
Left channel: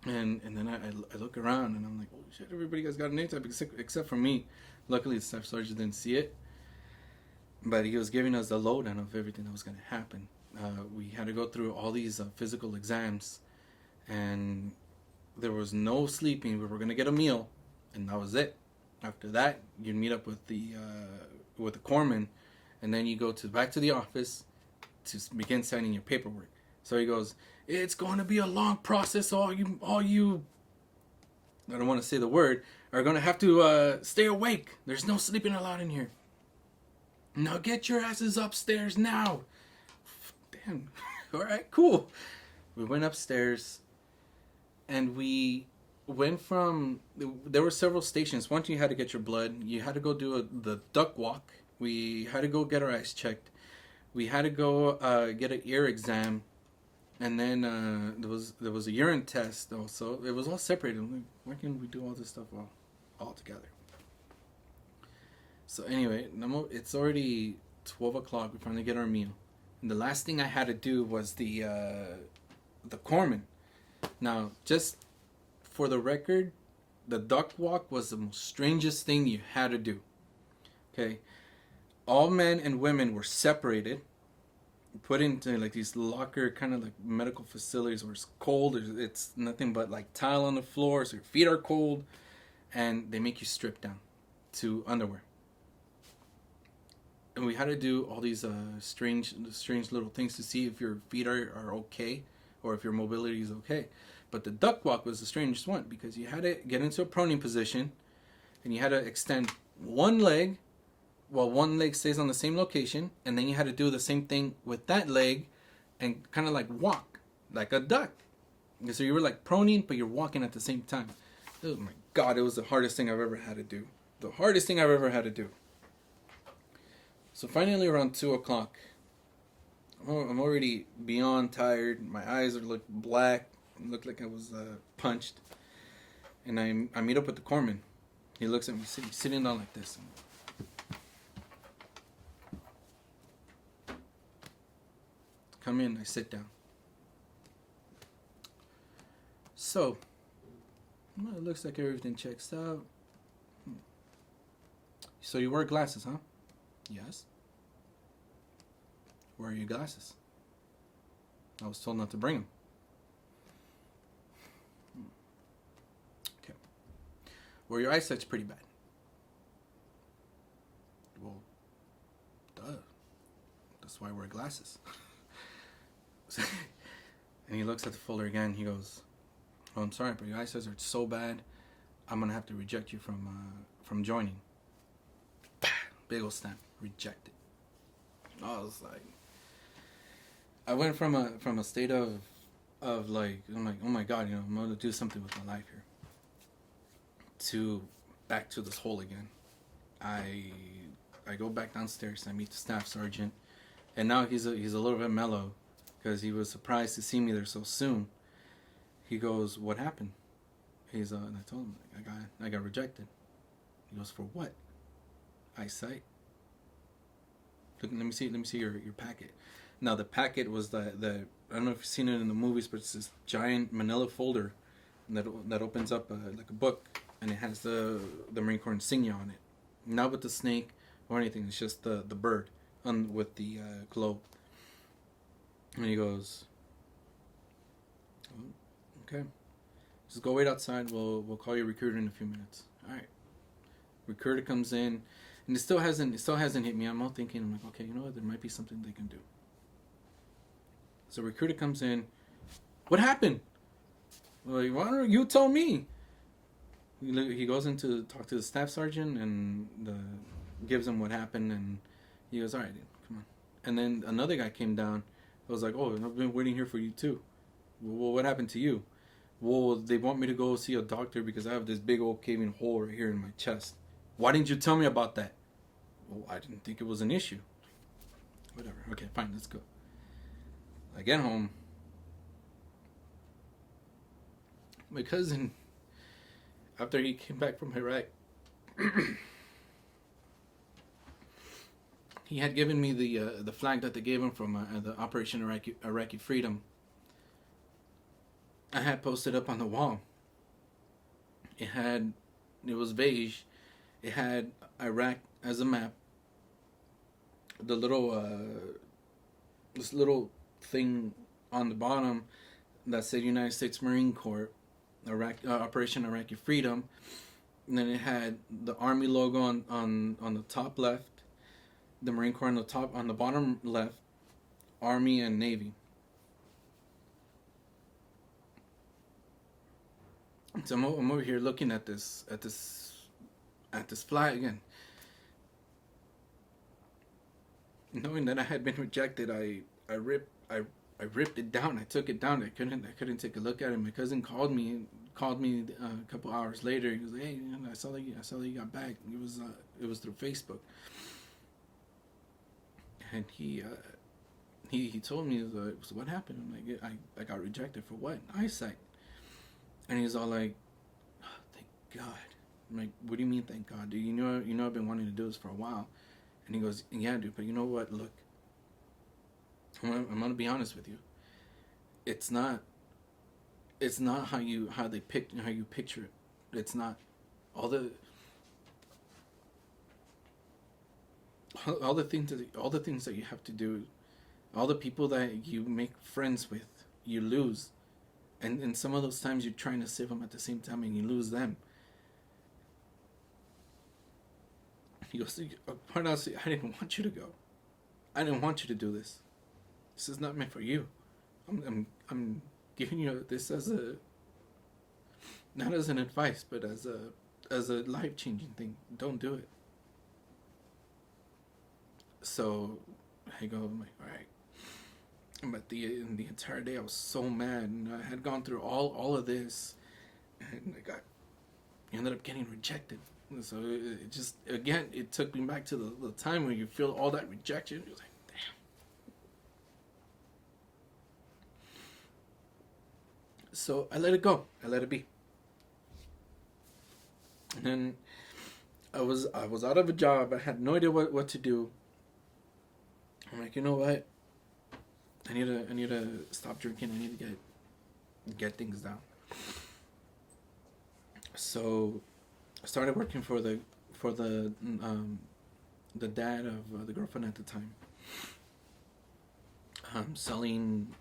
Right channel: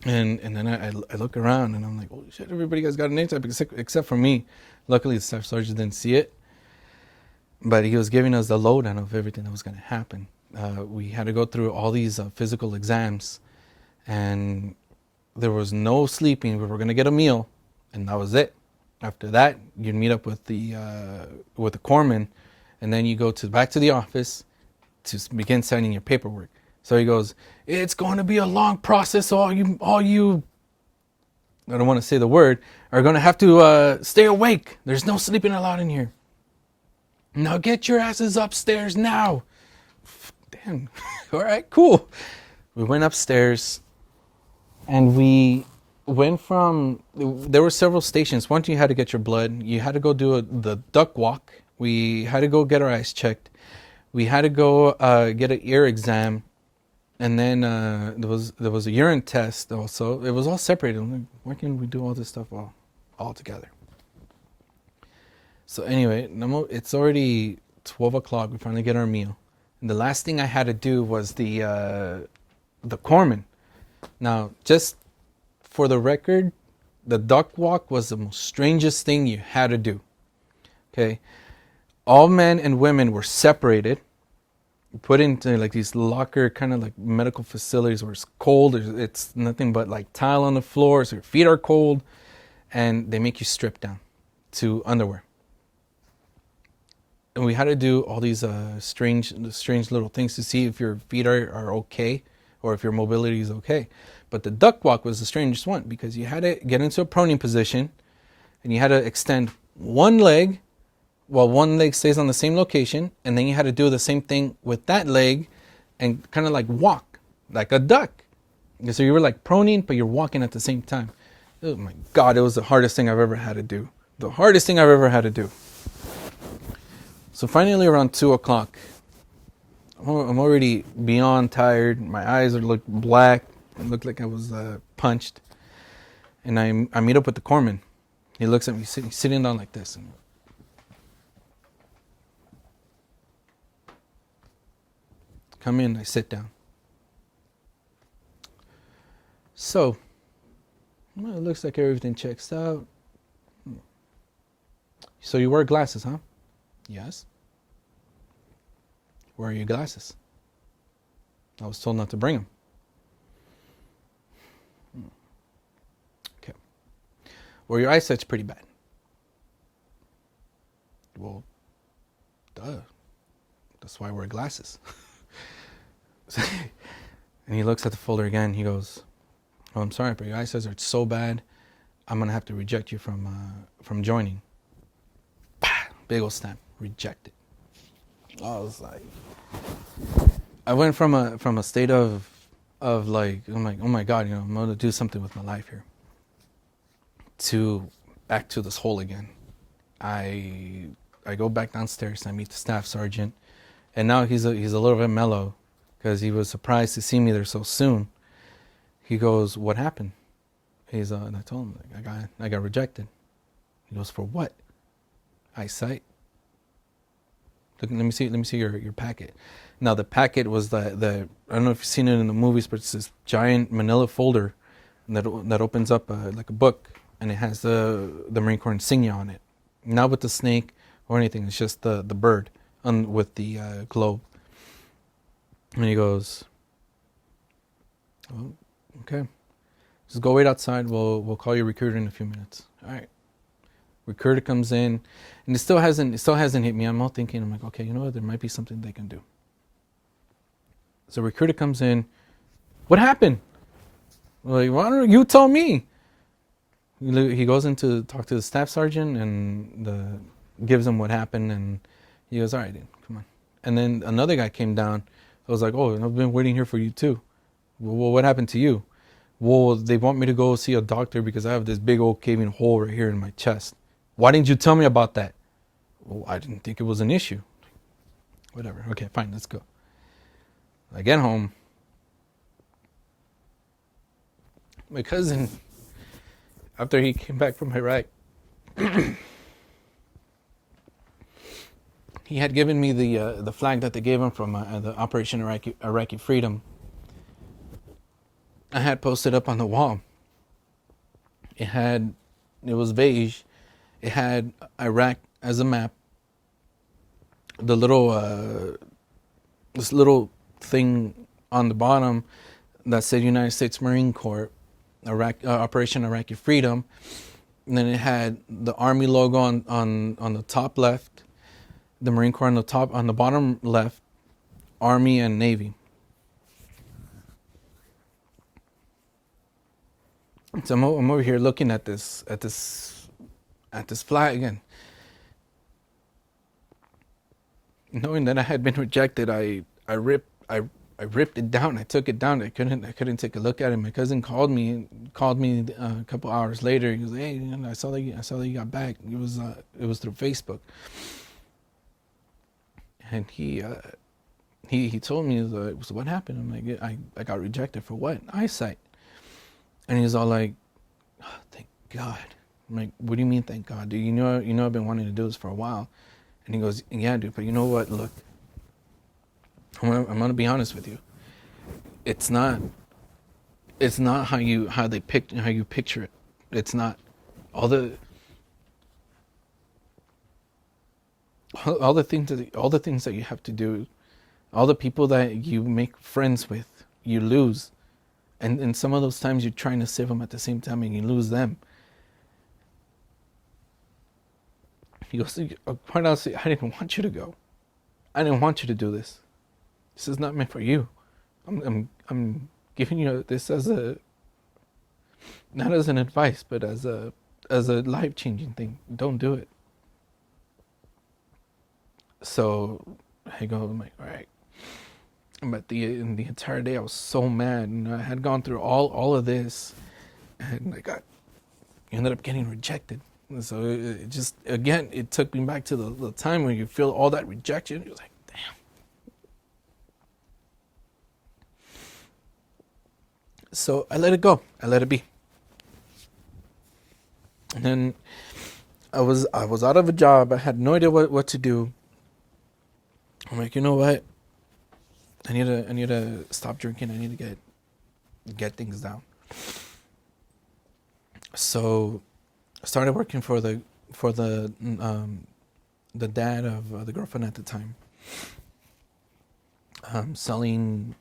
And then I look around and I'm like, holy shit, everybody has got a name tag except for me. Luckily, the staff sergeant didn't see it, but he was giving us the lowdown of everything that was going to happen. We had to go through all these physical exams, and there was no sleeping. We were going to get a meal, and that was it. After that, you'd meet up with the corpsman, and then you go back to the office to begin signing your paperwork. So he goes, it's going to be a long process. So all you, I don't want to say the word, are going to have to stay awake. There's no sleeping allowed in here. Now get your asses upstairs now. Damn. All right, cool. We went upstairs, and we went from, there were several stations. Once you had to get your blood, you had to go do the duck walk. We had to go get our eyes checked. We had to go get an ear exam. And then there was a urine test also. It was all separated. I'm like, why can't we do all this stuff all together? So anyway, it's already 12 o'clock. We finally get our meal. And the last thing I had to do was the corpsman. Now, just for the record, the duck walk was the most strangest thing you had to do. Okay, all men and women were separated, put into like these locker kind of like medical facilities where it's cold. It's nothing but like tile on the floor, so your feet are cold, and they make you strip down to underwear. And we had to do all these strange little things to see if your feet are okay or if your mobility is okay. But the duck walk was the strangest one, because you had to get into a proning position and you had to extend one leg while one leg stays on the same location, and then you had to do the same thing with that leg and kind of like walk like a duck. So you were like proning, but you're walking at the same time. Oh my God, it was the hardest thing I've ever had to do. The hardest thing I've ever had to do. So finally around 2 o'clock, I'm already beyond tired. My eyes look black. It looked like I was punched. And I meet up with the corpsman. He looks at me, sitting down like this. And come in, I sit down. So, well, it looks like everything checks out. So you wear glasses, huh? Yes. Where are your glasses? I was told not to bring them. Okay. Well, your eyesight's pretty bad. Well, duh. That's why I wear glasses. And he looks at the folder again. He goes, "Oh, I'm sorry, but your eyesight are so bad. I'm gonna have to reject you from joining." Big ol' stamp, rejected. I was like, I went from a state of like, I'm like, oh my God, I'm gonna do something with my life here, to back to this hole again. I go back downstairs and I meet the staff sergeant, and now he's a little bit mellow because he was surprised to see me there so soon. He goes, "What happened?" And I told him, like, I got rejected. He goes, "For what?" Eyesight. Look, let me see your packet. Now the packet was the I don't know if you've seen it in the movies, but it's this giant manila folder that opens up like a book, and it has the Marine Corps insignia on it. Not with the snake or anything. It's just the bird with the globe. And he goes, "Oh, okay." Just go wait outside. We'll call your recruiter in a few minutes. All right. Recruiter comes in, and it still hasn't hit me. I'm all thinking, I'm like, okay, you know what? There might be something they can do. So recruiter comes in. What happened? Like, why don't you tell me? He goes in to talk to the staff sergeant and gives him what happened, and he goes, all right, dude, come on. And then another guy came down. I was like, oh, I've been waiting here for you too. Well, what happened to you? Well, they want me to go see a doctor because I have this big old caving hole right here in my chest. Why didn't you tell me about that? Well, I didn't think it was an issue. Whatever. Okay, fine, let's go. I get home. My cousin, after he came back from Iraq, he had given me the flag that they gave him from the Operation Iraqi Freedom. I had posted up on the wall. It was beige. It had Iraq as a map. The this little thing on the bottom that said United States Marine Corps, Operation Iraqi Freedom. And then it had the Army logo on the top left, the Marine Corps on the bottom left, Army and Navy. So I'm over here looking at this flag again. Knowing that I had been rejected, I ripped it down. I took it down. I couldn't take a look at it. My cousin called me a couple hours later. He goes, "Hey, I saw that you got back. It was through Facebook." And he told me, "What happened?" I'm like, "I got rejected for what? Eyesight." And he's all like, oh, "Thank God." I'm like, "What do you mean, thank God, dude? You know I've been wanting to do this for a while." And he goes, "Yeah, dude, but you know what? Look, I'm gonna be honest with you. It's not how you picture it. It's not all the things that you have to do, all the people that you make friends with, you lose, and some of those times you're trying to save them at the same time and you lose them." He goes, quite honestly, I didn't want you to go. I didn't want you to do this. This is not meant for you. I'm giving you this as not as an advice, but as a life-changing thing. Don't do it. So I go, I'm like, all right. But in the entire day, I was so mad, and I had gone through all of this, and ended up getting rejected. So it just, again, it took me back to the time when you feel all that rejection. You're like, damn. So I let it go. I let it be. And then I was out of a job. I had no idea what to do. I'm like, you know what? I need to stop drinking. I need to get things down. So I started working for the dad of the girlfriend at the time, selling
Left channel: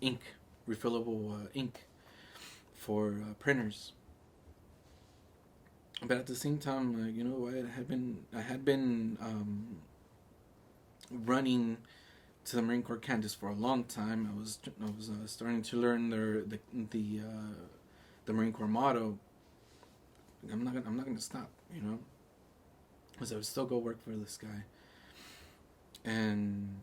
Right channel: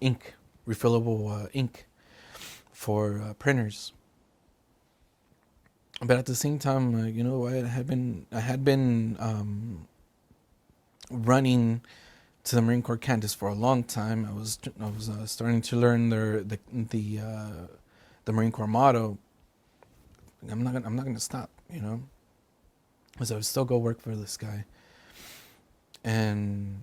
ink, refillable ink for printers. But at the same time, you know, I had been running to the Marine Corps campus for a long time. I was starting to learn the Marine Corps motto. I'm not going to stop, you know, because I would still go work for this guy, and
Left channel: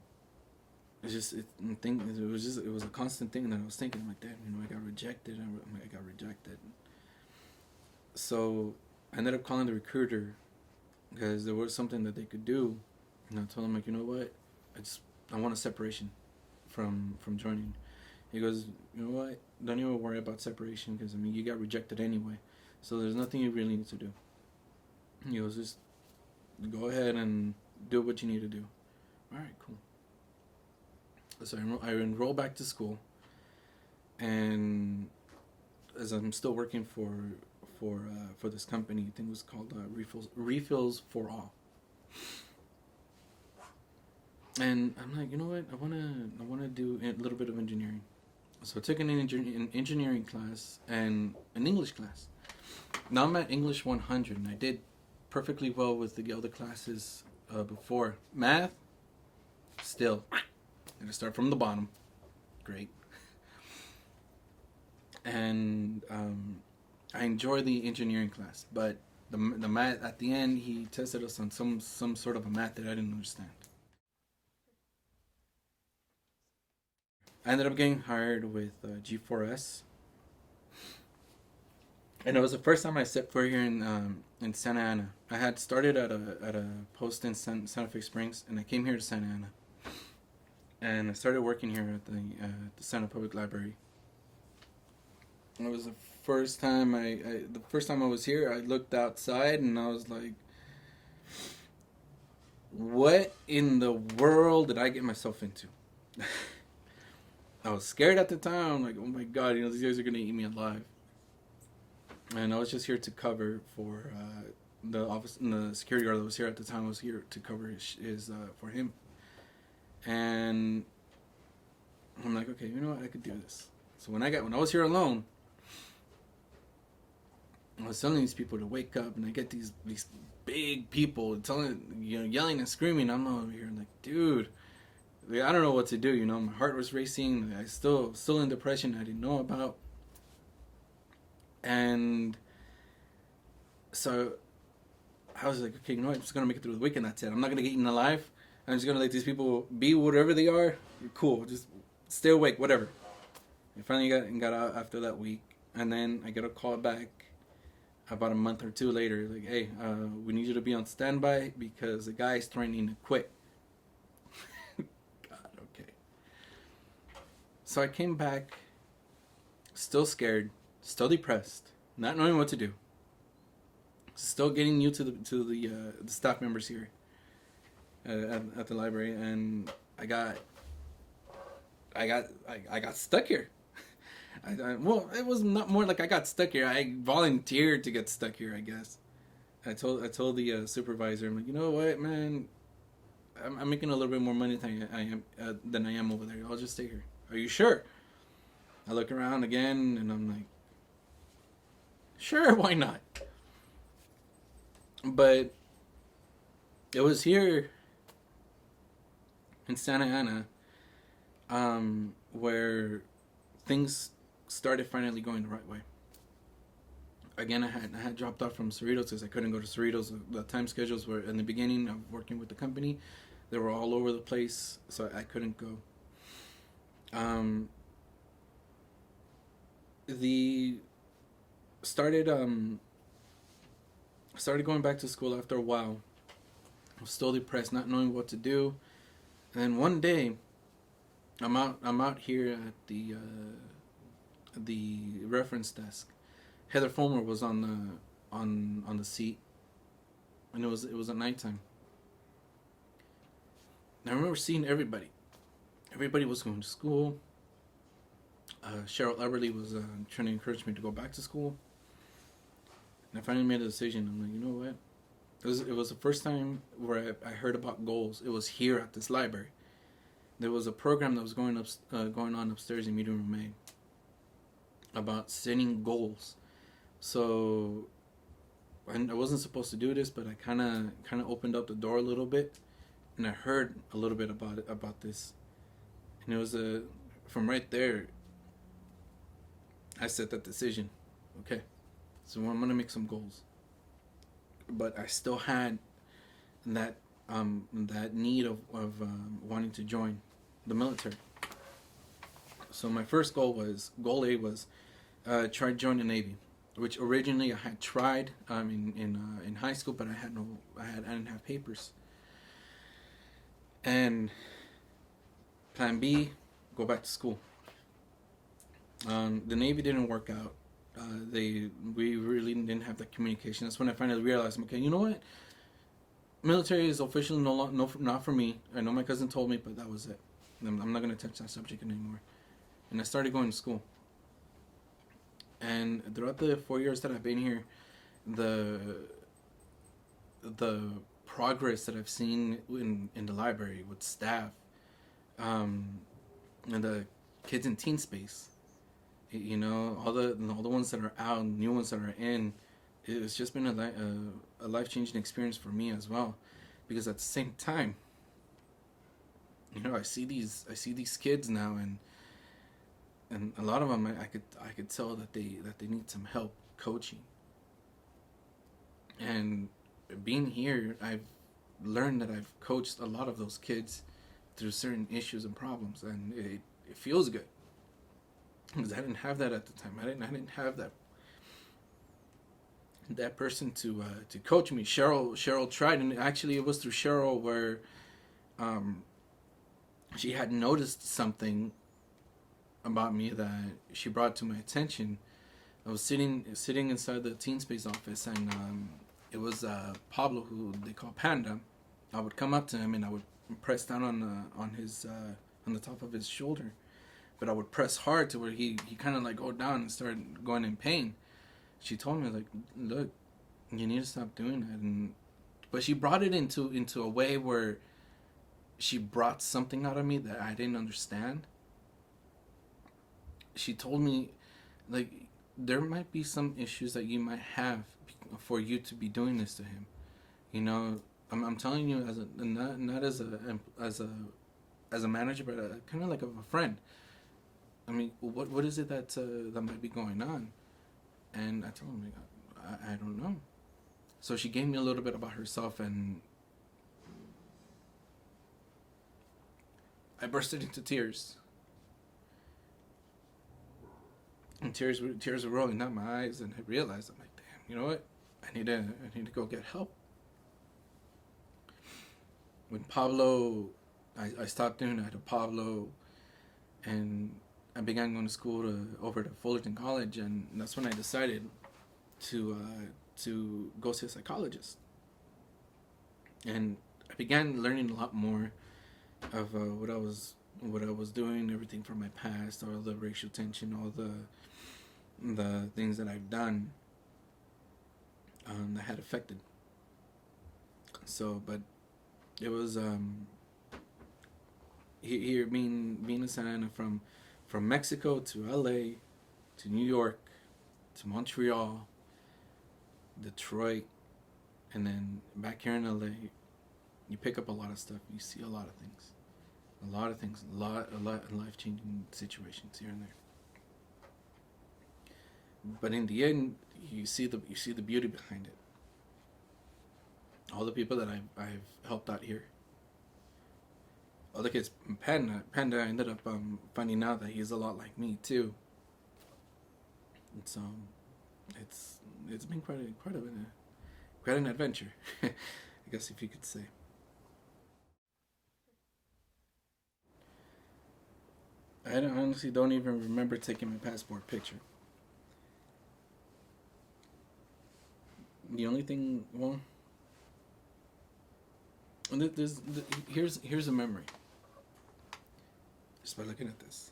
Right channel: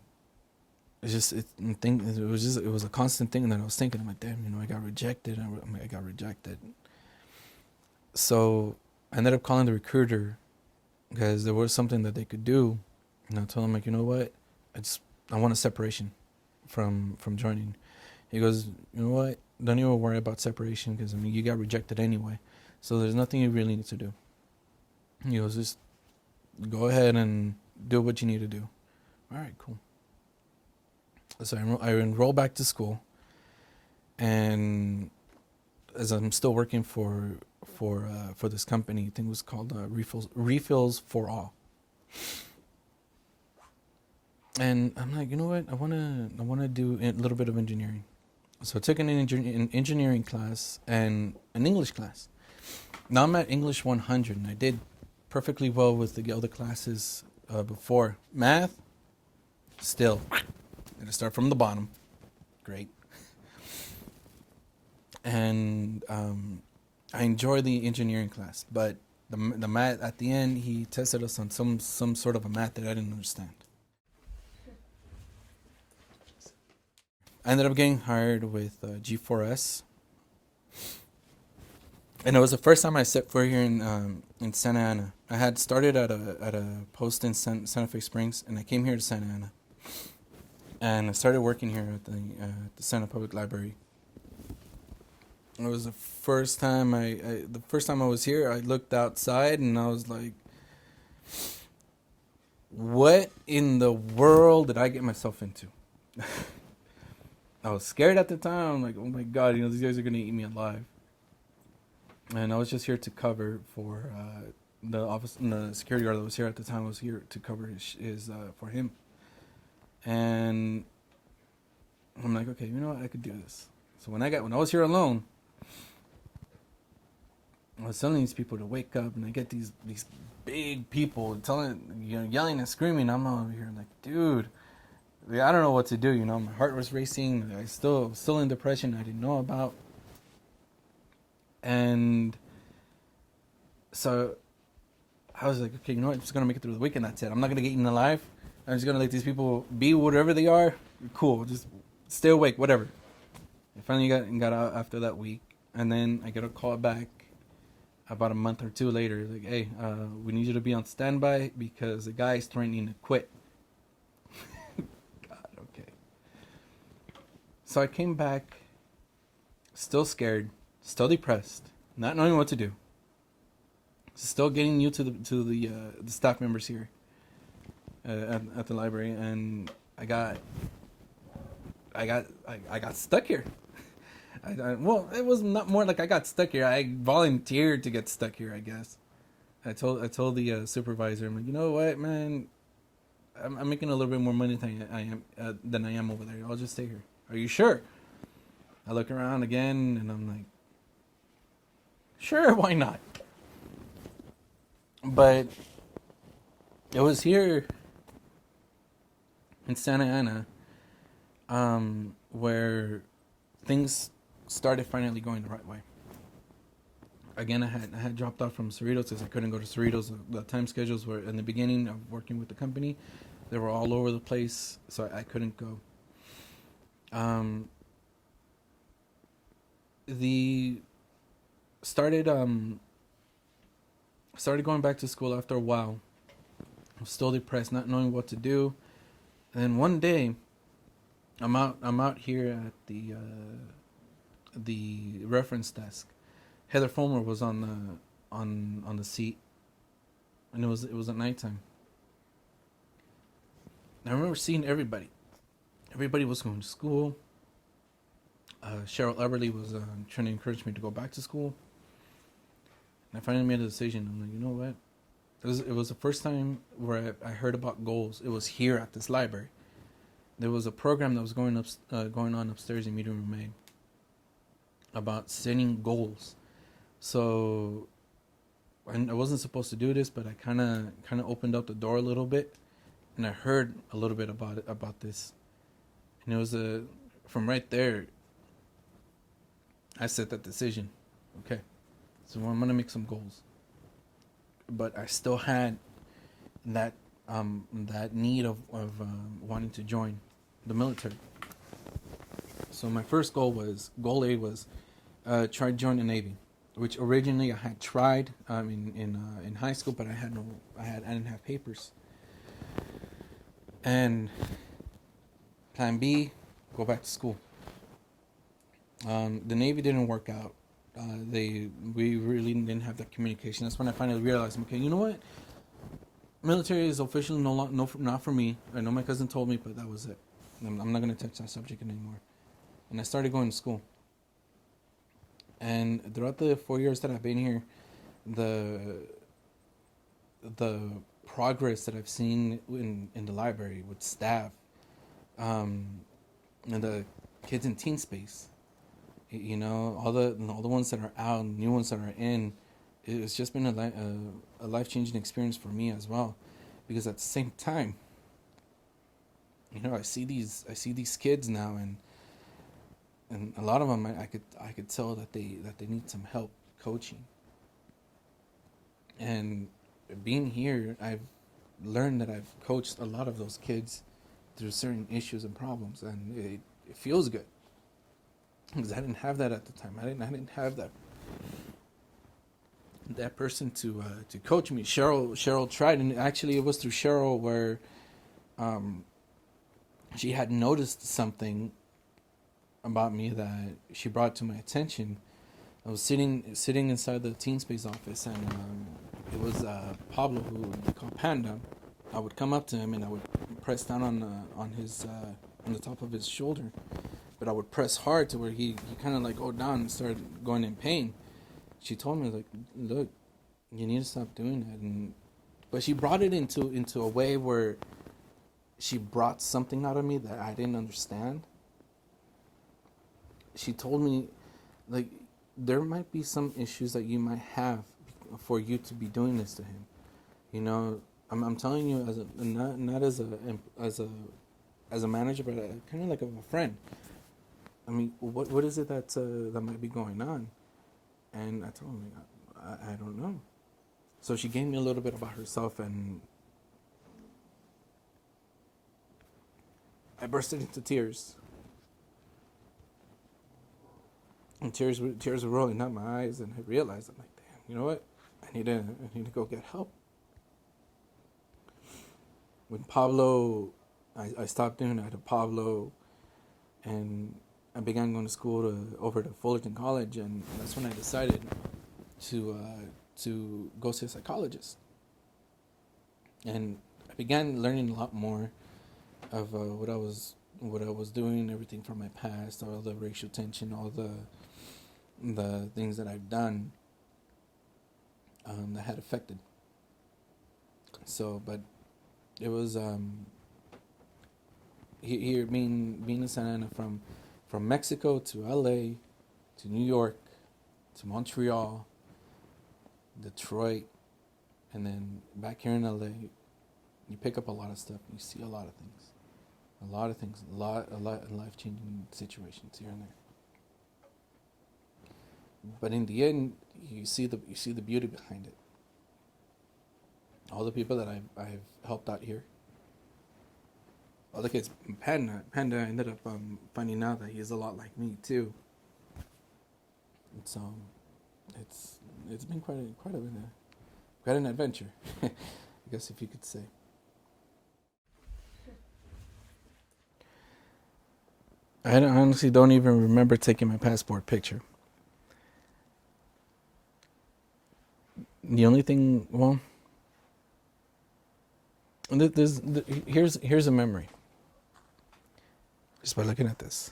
it was a constant thing that I was thinking. I'm like, damn, you know, I got rejected. I got rejected. So I ended up calling the recruiter because there was something that they could do, and I told him, like, you know what, I want a separation from joining. He goes, you know what, don't even worry about separation, because I mean, you got rejected anyway, so there's nothing you really need to do. He goes, just go ahead and do what you need to do. All right, cool. So I enroll back to school, and as I'm still working for this company, I think it was called Refills for All. And I'm like, you know what? I wanna do a little bit of engineering. So I took an engineering class and an English class. Now I'm at English 100, and I did perfectly well with the other classes before. Math, still, gonna start from the bottom. Great. And I enjoy the engineering class, but the math at the end, he tested us on some sort of a math that I didn't understand. I ended up getting hired with G4S, and it was the first time I set foot here in Santa Ana. I had started at a post in Santa Fe Springs, and I came here to Santa Ana, and I started working here at the Santa Public Library. It was the first time the first time I was here. I looked outside and I was like, "What in the world did I get myself into?" I was scared at the time. I'm like, "Oh my god, these guys are gonna eat me alive." And I was just here to cover for the office, the security guard that was here at the time. Was here to cover his for him, and I'm like, okay, you know what, I could do this. So when I was here alone, I was telling these people to wake up, and I get these big people yelling and screaming. I'm over here like, dude, I don't know what to do. My heart was racing. I still in depression. I didn't know about. And so I was like, okay, you know what? I'm just gonna make it through the weekend. That's it. I'm not gonna get eaten alive. I'm just gonna let these people be whatever they are. Cool. Just stay awake. Whatever. I finally got out after that week, and then I get a call back about a month or two later. Like, hey, we need you to be on standby because the guy's threatening to quit. God, okay. So I came back, still scared, still depressed, not knowing what to do. Still getting new to the staff members here at the library, and I got stuck here. Well, it was not more like I got stuck here. I volunteered to get stuck here, I guess. I told the supervisor, I'm like, you know what, man, I'm making a little bit more money than I am over there. I'll just stay here. Are you sure? I look around again, and I'm like, sure, why not? But it was here in Santa Ana where things started finally going the right way. Again, I had dropped off from Cerritos because I couldn't go to Cerritos. The time schedules were in the beginning of working with the company. They were all over the place, so I couldn't go. The started going back to school after a while. I was still depressed, not knowing what to do. And then one day, I'm out here at the reference desk. Heather Fulmer was on the seat, and it was at nighttime. I remember seeing everybody. Everybody was going to school. Cheryl Eberly was trying to encourage me to go back to school. And I finally made a decision. I'm like, you know what? It was the first time where I heard about goals. It was here at this library. There was a program that was going on upstairs in Meeting Room A about setting goals. So I wasn't supposed to do this, but I kind of opened up the door a little bit, and I heard a little bit about this. And it was from right there, I set that decision. Okay, so I'm gonna make some goals. But I still had that need of wanting to join the military. So my first goal A was try to join the Navy, which originally I had tried in high school, but I didn't have papers. And plan B, go back to school. The Navy didn't work out. We really didn't have that communication. That's when I finally realized, okay, you know what? Military is officially not for me. I know my cousin told me, but that was it. I'm not going to touch that subject anymore. And I started going to school. And throughout the 4 years that I've been here, the progress that I've seen in the library with staff, and the kids in teen space, All the ones that are out, new ones that are in. It's just been a life changing experience for me as well, because at the same time, I see these kids now, and a lot of them I could tell that they need some help coaching. And being here, I've learned that I've coached a lot of those kids through certain issues and problems, and it feels good because I didn't have that at the time. I didn't have that person to coach me. Cheryl tried, and actually it was through Cheryl where um, she had noticed something about me that she brought to my attention. I was sitting inside the Teen Space office, and it was Pablo, who they call Panda. I would come up to him and I would press down on the top of his shoulder, but I would press hard to where he kind of like go down and started going in pain. She told me, like, look, you need to stop doing that, but she brought it into a way where she brought something out of me that I didn't understand. She told me, like, there might be some issues that you might have for you to be doing this to him. I'm telling you as not as a manager, but kind of like a friend. I mean, what is it that might be going on? And I told him, I don't know. So she gave me a little bit about herself, and I bursted into tears. And tears were rolling down my eyes, and I realized, I'm like, damn, you know what? I need to go get help. When Pablo, I stopped doing that to Pablo, and I began going to school over to Fullerton College, and that's when I decided to go see a psychologist. And I began learning a lot more of what I was doing, everything from my past, all the racial tension, all the things that I've done that had affected. So, but it was here being in Santa Ana, from Mexico to LA to New York to Montreal, Detroit, and then back here in LA. You pick up a lot of stuff. You see a lot of things, a lot of life-changing situations here and there. But in the end, you see the beauty behind it. All the people that I've helped out here. All the kids. Panda ended up finding out that he's a lot like me too. So it's been quite an adventure, I guess, if you could say. I honestly don't even remember taking my passport picture. The only thing, well, here's a memory. Just by looking at this,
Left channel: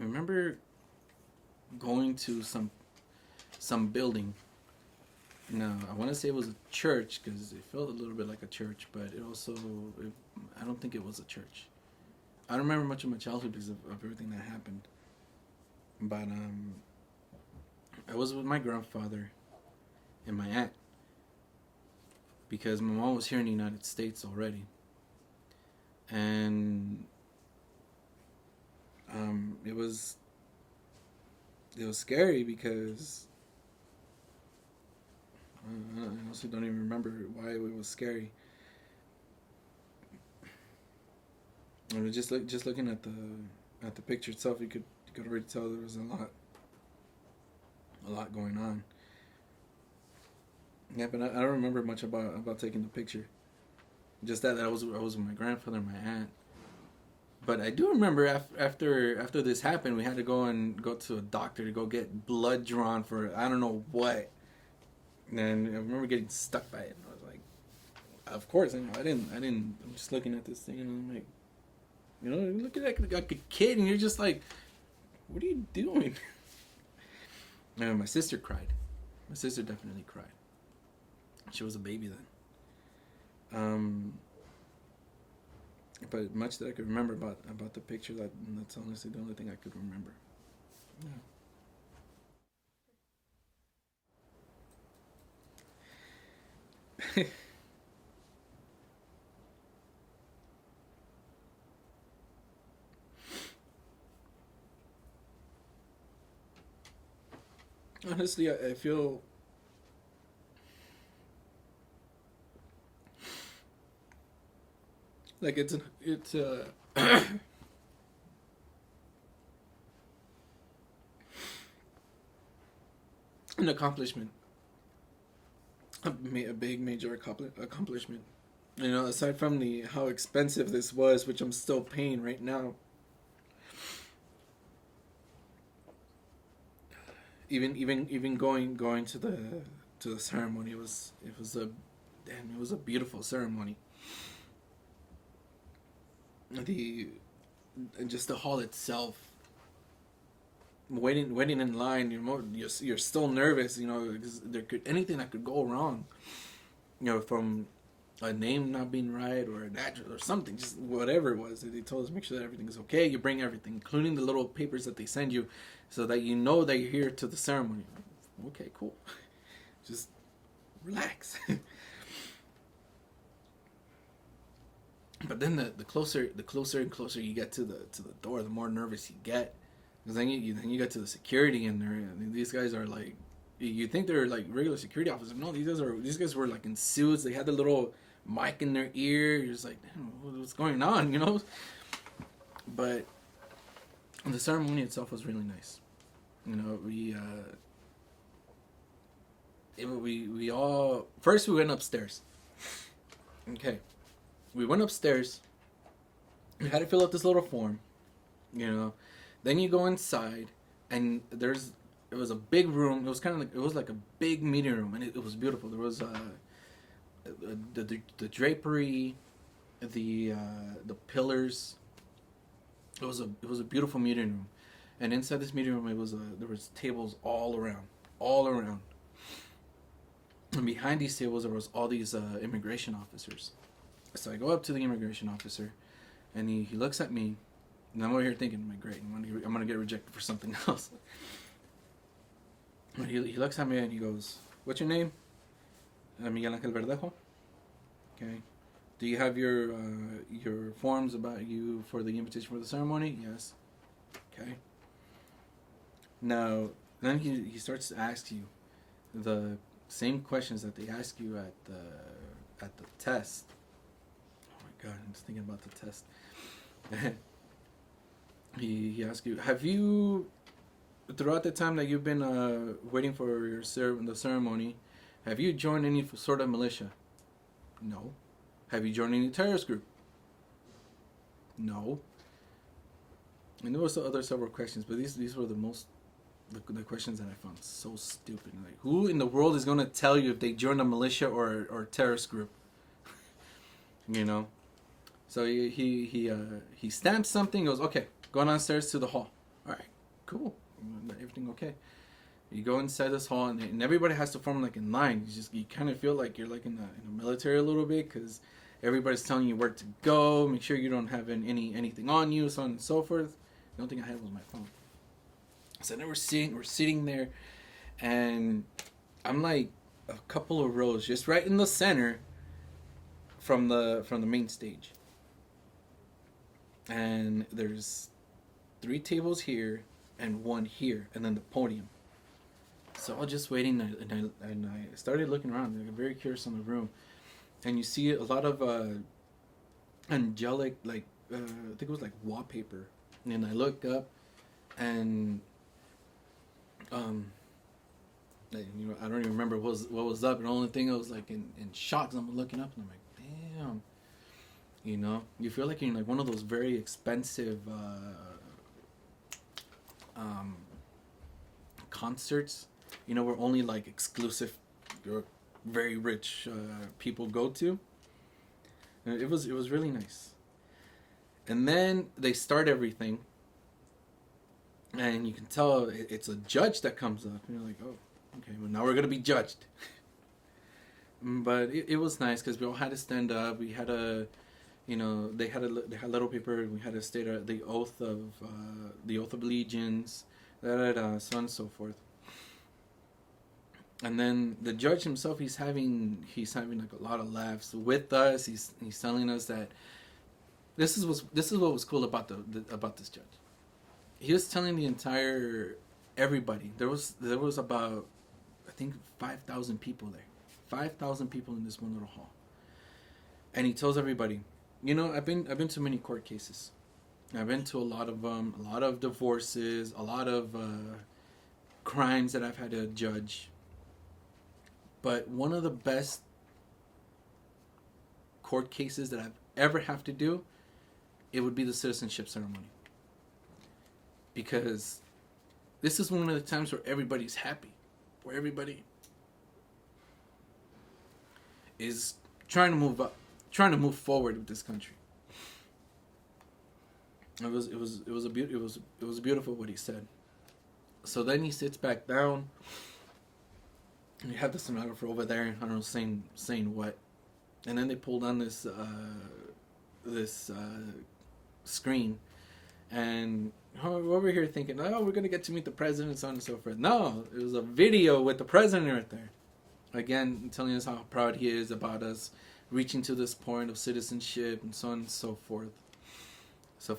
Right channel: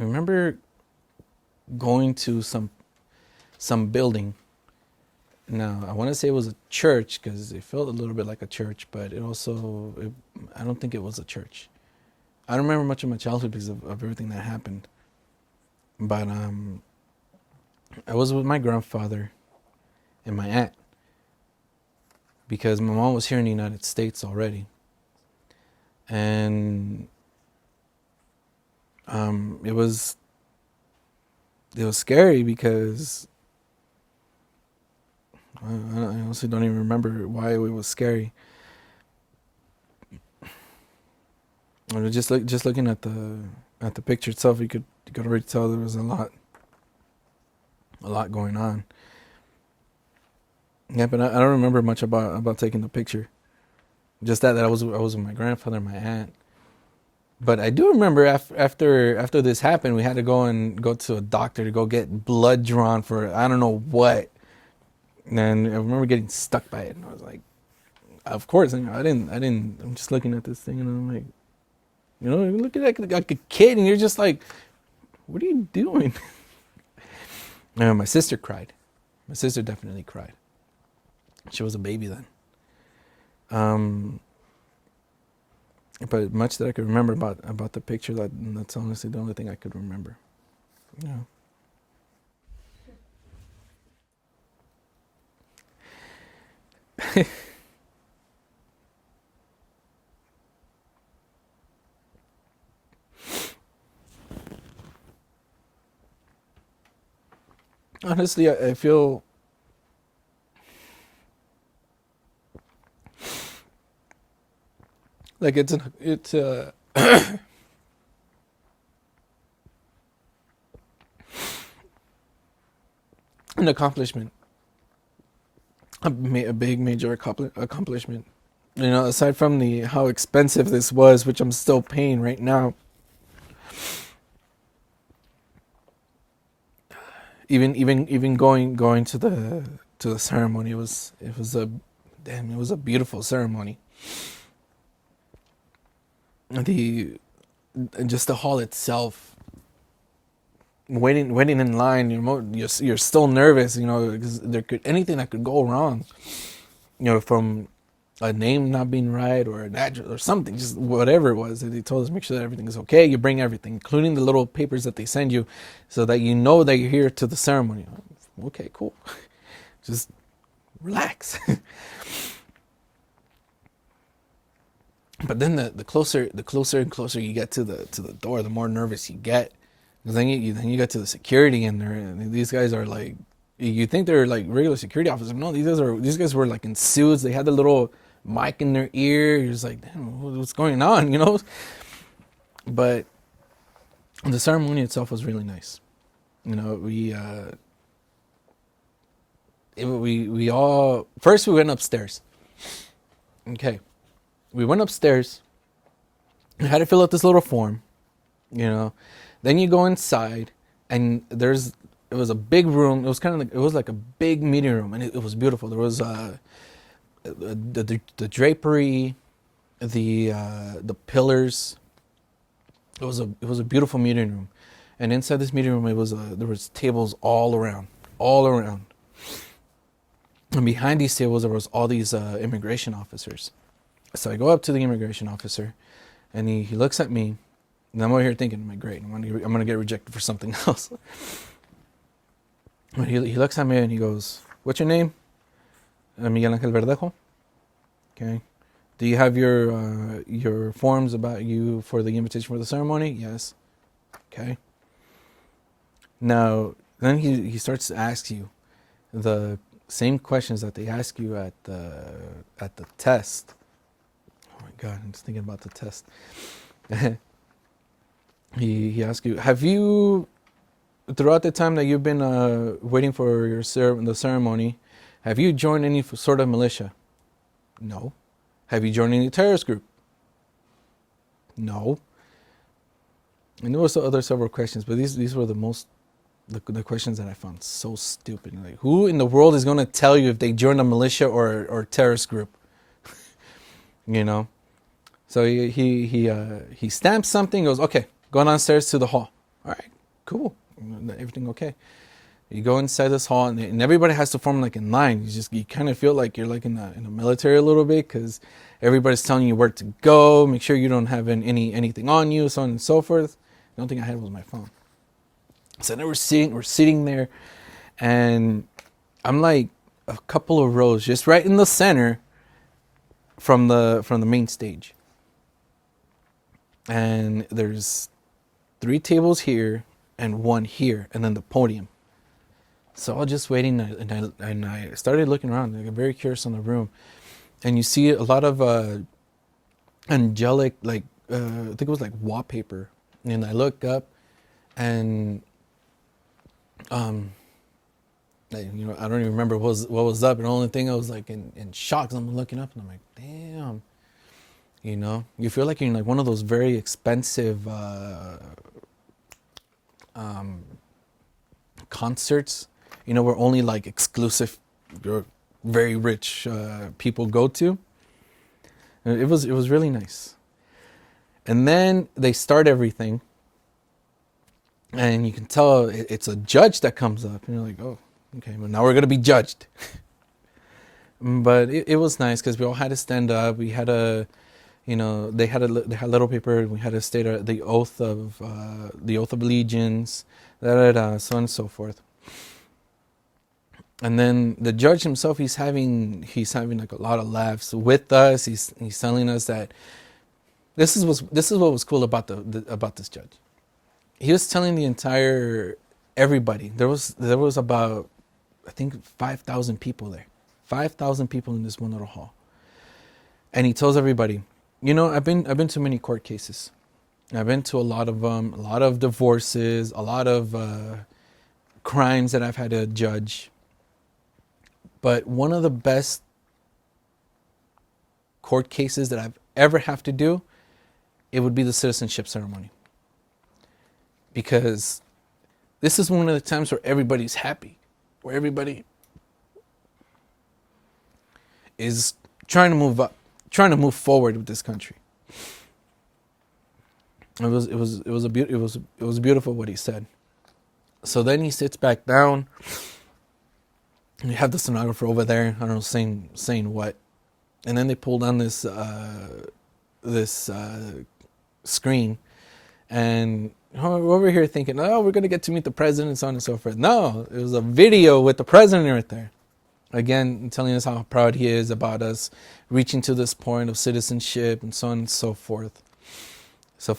I remember going to some building. Now, I want to say it was a church because it felt a little bit like a church, but I don't think it was a church. I don't remember much of my childhood because of everything that happened. But I was with my grandfather and my aunt because my mom was here in the United States already. And it was scary because I honestly don't even remember why it was scary. I was just looking at the picture itself, you could already tell there was a lot going on. Yeah, but I don't remember much about taking the picture. Just that I was with my grandfather and my aunt. But I do remember after this happened, we had to go to a doctor to go get blood drawn for I don't know what. And I remember getting stuck by it, and I was like, of course, I didn't. I'm just looking at this thing, and I'm like, you look at that like a kid, and you're just like, what are you doing? And my sister cried. My sister definitely cried. She was a baby then. But much that I could remember about the picture, that's honestly the only thing I could remember. Yeah. Honestly, I feel like it's an accomplishment, a big major accomplishment. You know, aside from the how expensive this was, which I'm still paying right now. Even going to the ceremony, it was a beautiful ceremony. The just the hall itself, waiting in line, you're still nervous, you know, because there could anything that could go wrong, you know, from a name not being right or an address or something, just whatever it was. They told us make sure that everything is okay. You bring everything, including the little papers that they send you, so that you know that you're here to the ceremony. Okay, cool. Just relax. But then the closer and closer you get to the door, the more nervous you get. Because then you get to the security, and these guys are like, you think they're like regular security officers. No, these guys were like in suits. They had the little mic in their ear. You're just like, damn, what's going on, you know? But the ceremony itself was really nice. You know, we all first we went upstairs. Okay, we went upstairs. We had to fill out this little form, you know. Then you go inside, and it was a big room. It was kind of like, it was like a big meeting room, and it was beautiful. There was the drapery, the pillars. It was a beautiful meeting room, and inside this meeting room, there was tables all around, and behind these tables there was all these immigration officers. So I go up to the immigration officer, and he looks at me, and I'm over here thinking, "My great, I'm gonna get rejected for something else." But he looks at me and he goes, "What's your name?" Miguel Ángel Verdejo. Okay. Do you have your forms about you for the invitation for the ceremony? Yes. Okay. Now, then he starts to ask you the same questions that they ask you at the test. Oh my God, I'm just thinking about the test. He asks you, have you, throughout the time that you've been waiting for the ceremony, have you joined any sort of militia? No. Have you joined any terrorist group? No. And there were several questions, but these were the questions that I found so stupid. Like, who in the world is going to tell you if they joined a militia or terrorist group? You know. So he stamps something. Goes, okay, go downstairs to the hall. All right, cool. Everything okay. You go inside this hall, and everybody has to form like in line. You kind of feel like you're like in the military a little bit, because everybody's telling you where to go. Make sure you don't have anything on you, so on and so forth. The only thing I had was my phone. So then we're sitting there, and I'm like a couple of rows just right in the center from the main stage. And there's 3 tables here and 1 here, and then the podium. So I was just waiting, and I started looking around. I'm very curious in the room, and you see a lot of angelic, like I think it was like wallpaper. And I look up, and you know, I don't even remember what was up. And the only thing I was like in shock. I'm looking up, and I'm like, damn. You know, you feel like you're in like one of those very expensive concerts, you know, where only like exclusive or very rich people go to. And it was really nice. And then they start everything, and you can tell it's a judge that comes up, and you're like, oh, okay, well now we're gonna be judged. But it was nice because we all had to stand up. We had a They had a little paper. And we had to state the oath of allegiance, da da da, so on and so forth. And then the judge himself, he's having like a lot of laughs with us. He's telling us that this is what was cool about about this judge. He was telling the entire everybody. There was about, I think, 5,000 people there. 5,000 people in this one little hall. And he tells everybody, I've been to many court cases. I've been to a lot of them, a lot of divorces, a lot of crimes that I've had to judge. But one of the best court cases that I've ever have to do, it would be the citizenship ceremony. Because this is one of the times where everybody's happy, where everybody is trying to move up, trying to move forward with this country. It was beautiful what he said. So then he sits back down. You have the stenographer over there, I don't know, saying what, and then they pull down this screen, and we're over here thinking, oh, we're gonna get to meet the president, so on and so forth. No, it was a video with the president right there, again telling us how proud he is about us reaching to this point of citizenship and so on and so forth. So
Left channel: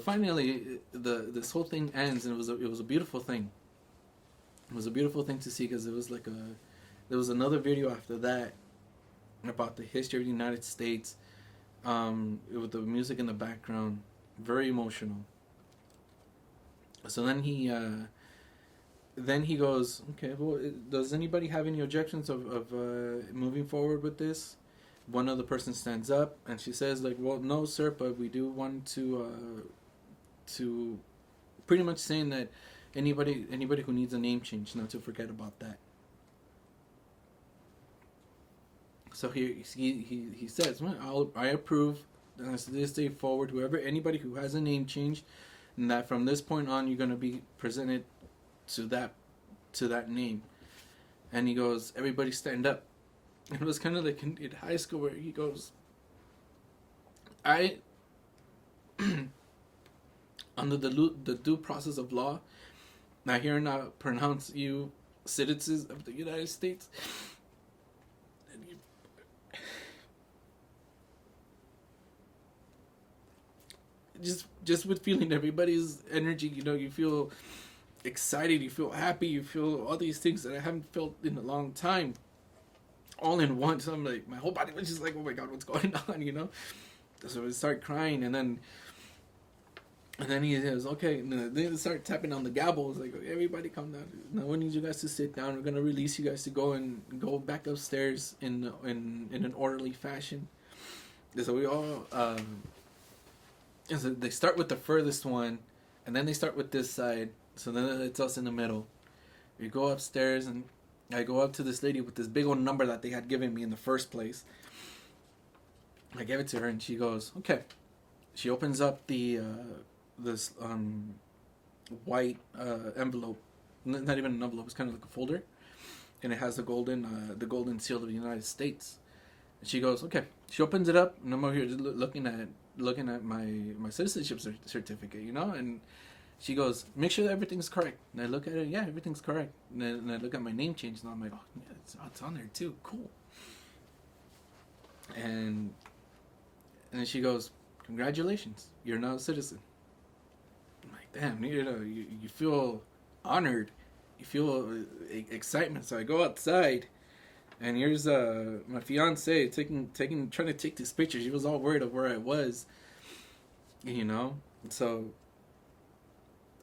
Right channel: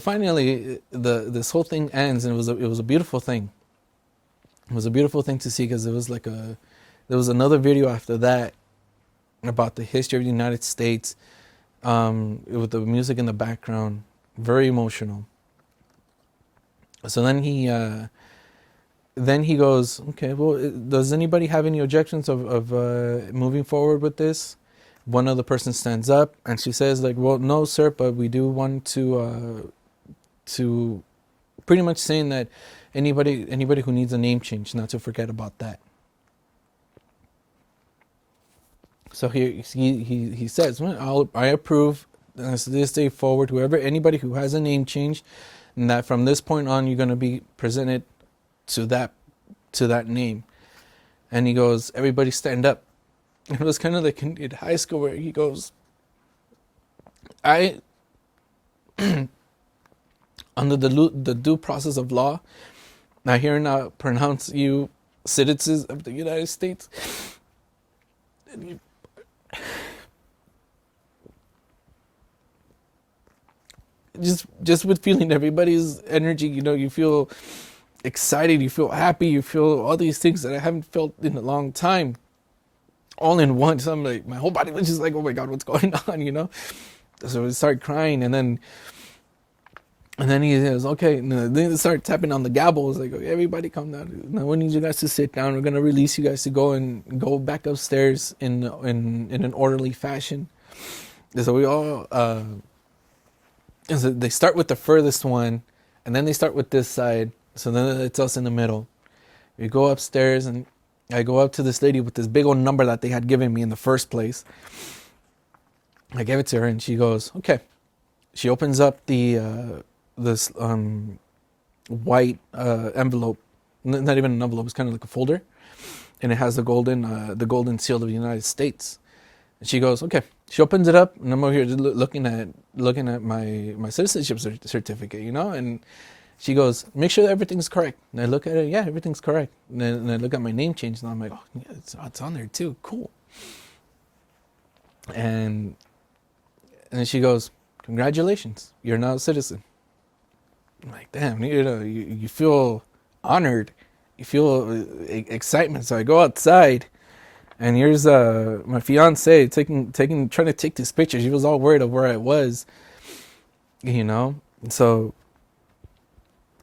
finally, this whole thing ends, and it was a beautiful thing. It was a beautiful thing to see, because there was another video after that about the history of the United States, with the music in the background, very emotional. So then he goes, okay, well, does anybody have any objections of moving forward with this? One other person stands up and she says, like, well, no, sir, but we do want to pretty much saying that anybody who needs a name change, not to forget about that. So he says, well, I approve this day forward, anybody who has a name change, and that from this point on you're going to be presented to that name. And he goes, everybody stand up. It was kind of like in high school where he goes, I under the due process of law, I hereby pronounce you citizens of the United States. And just with feeling everybody's energy, you feel excited, you feel happy, you feel all these things that I haven't felt in a long time, all in one. So I'm like, my whole body was just like, oh my God, what's going on, So I start crying, and then he says, okay, and then they start tapping on the gavel. It's like, okay, everybody come down. Now we need you guys to sit down. We're going to release you guys to go back upstairs in an orderly fashion. And so we all, so they start with the furthest one, and then they start with this side. So then it's us in the middle. We go upstairs, and I go up to this lady with this big old number that they had given me in the first place. I gave it to her, and she goes, okay. She opens up this white envelope, not even an envelope, it's kind of like a folder, and it has the golden seal of the United States. And she goes, okay. She opens it up, and I'm over here looking at my citizenship certificate, and she goes, make sure that everything's correct. And I look at it, yeah, everything's correct. And I look at my name change, and I'm like, oh, yeah, it's on there too, cool. And then she goes, congratulations, you're now a citizen. I'm like, damn, you feel honored, you feel excitement. So I go outside, and here's my fiance trying to take this picture. She was all worried of where I was, So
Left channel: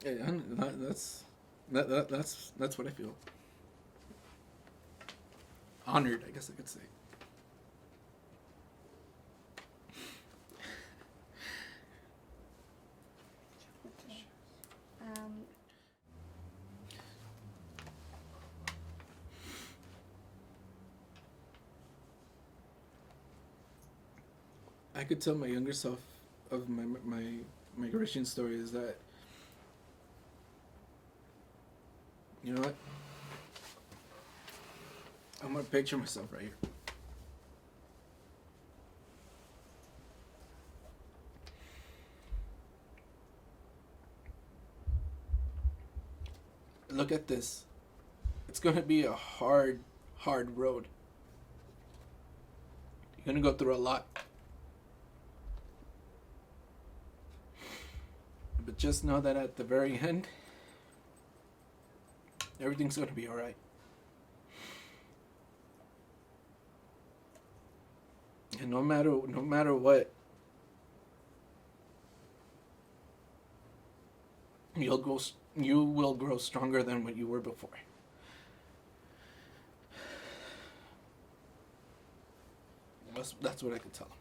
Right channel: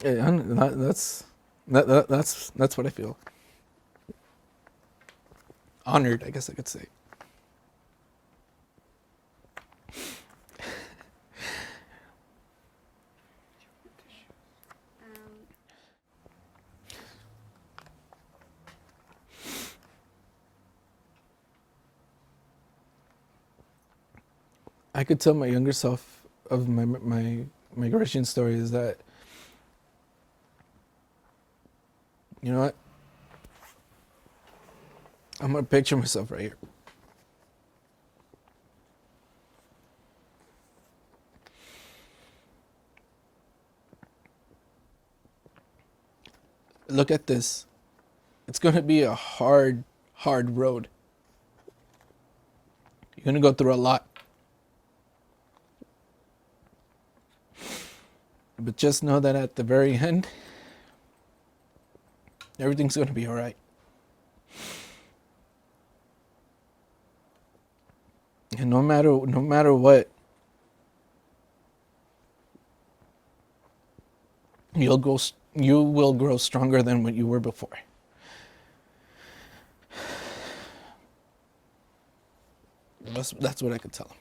that's what I feel. Honored, I guess I could say. I could tell my younger self of my migration story is that, you know what? I'm gonna picture myself right here. look at this. It's going to be a hard road. You're going to go through a lot. But just know that at the very end, everything's going to be all right. And no matter what, you will grow stronger than what you were before. That's what I could tell him.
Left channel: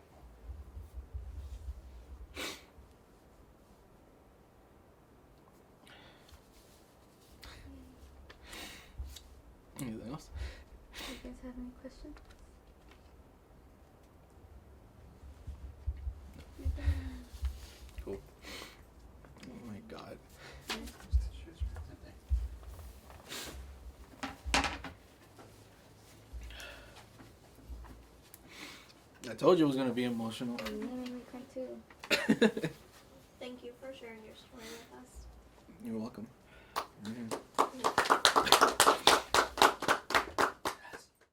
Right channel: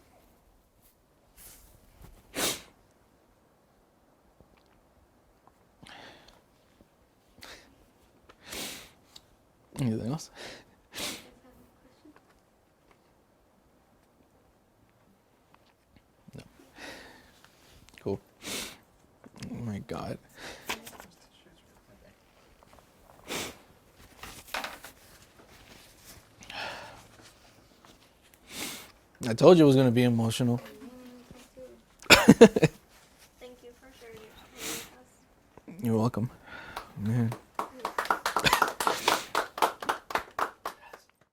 Anything else? Do you guys have any questions? Cool. Oh my God. I told you it was going to be emotional. Thank you for sharing your story with us. You're welcome. Man.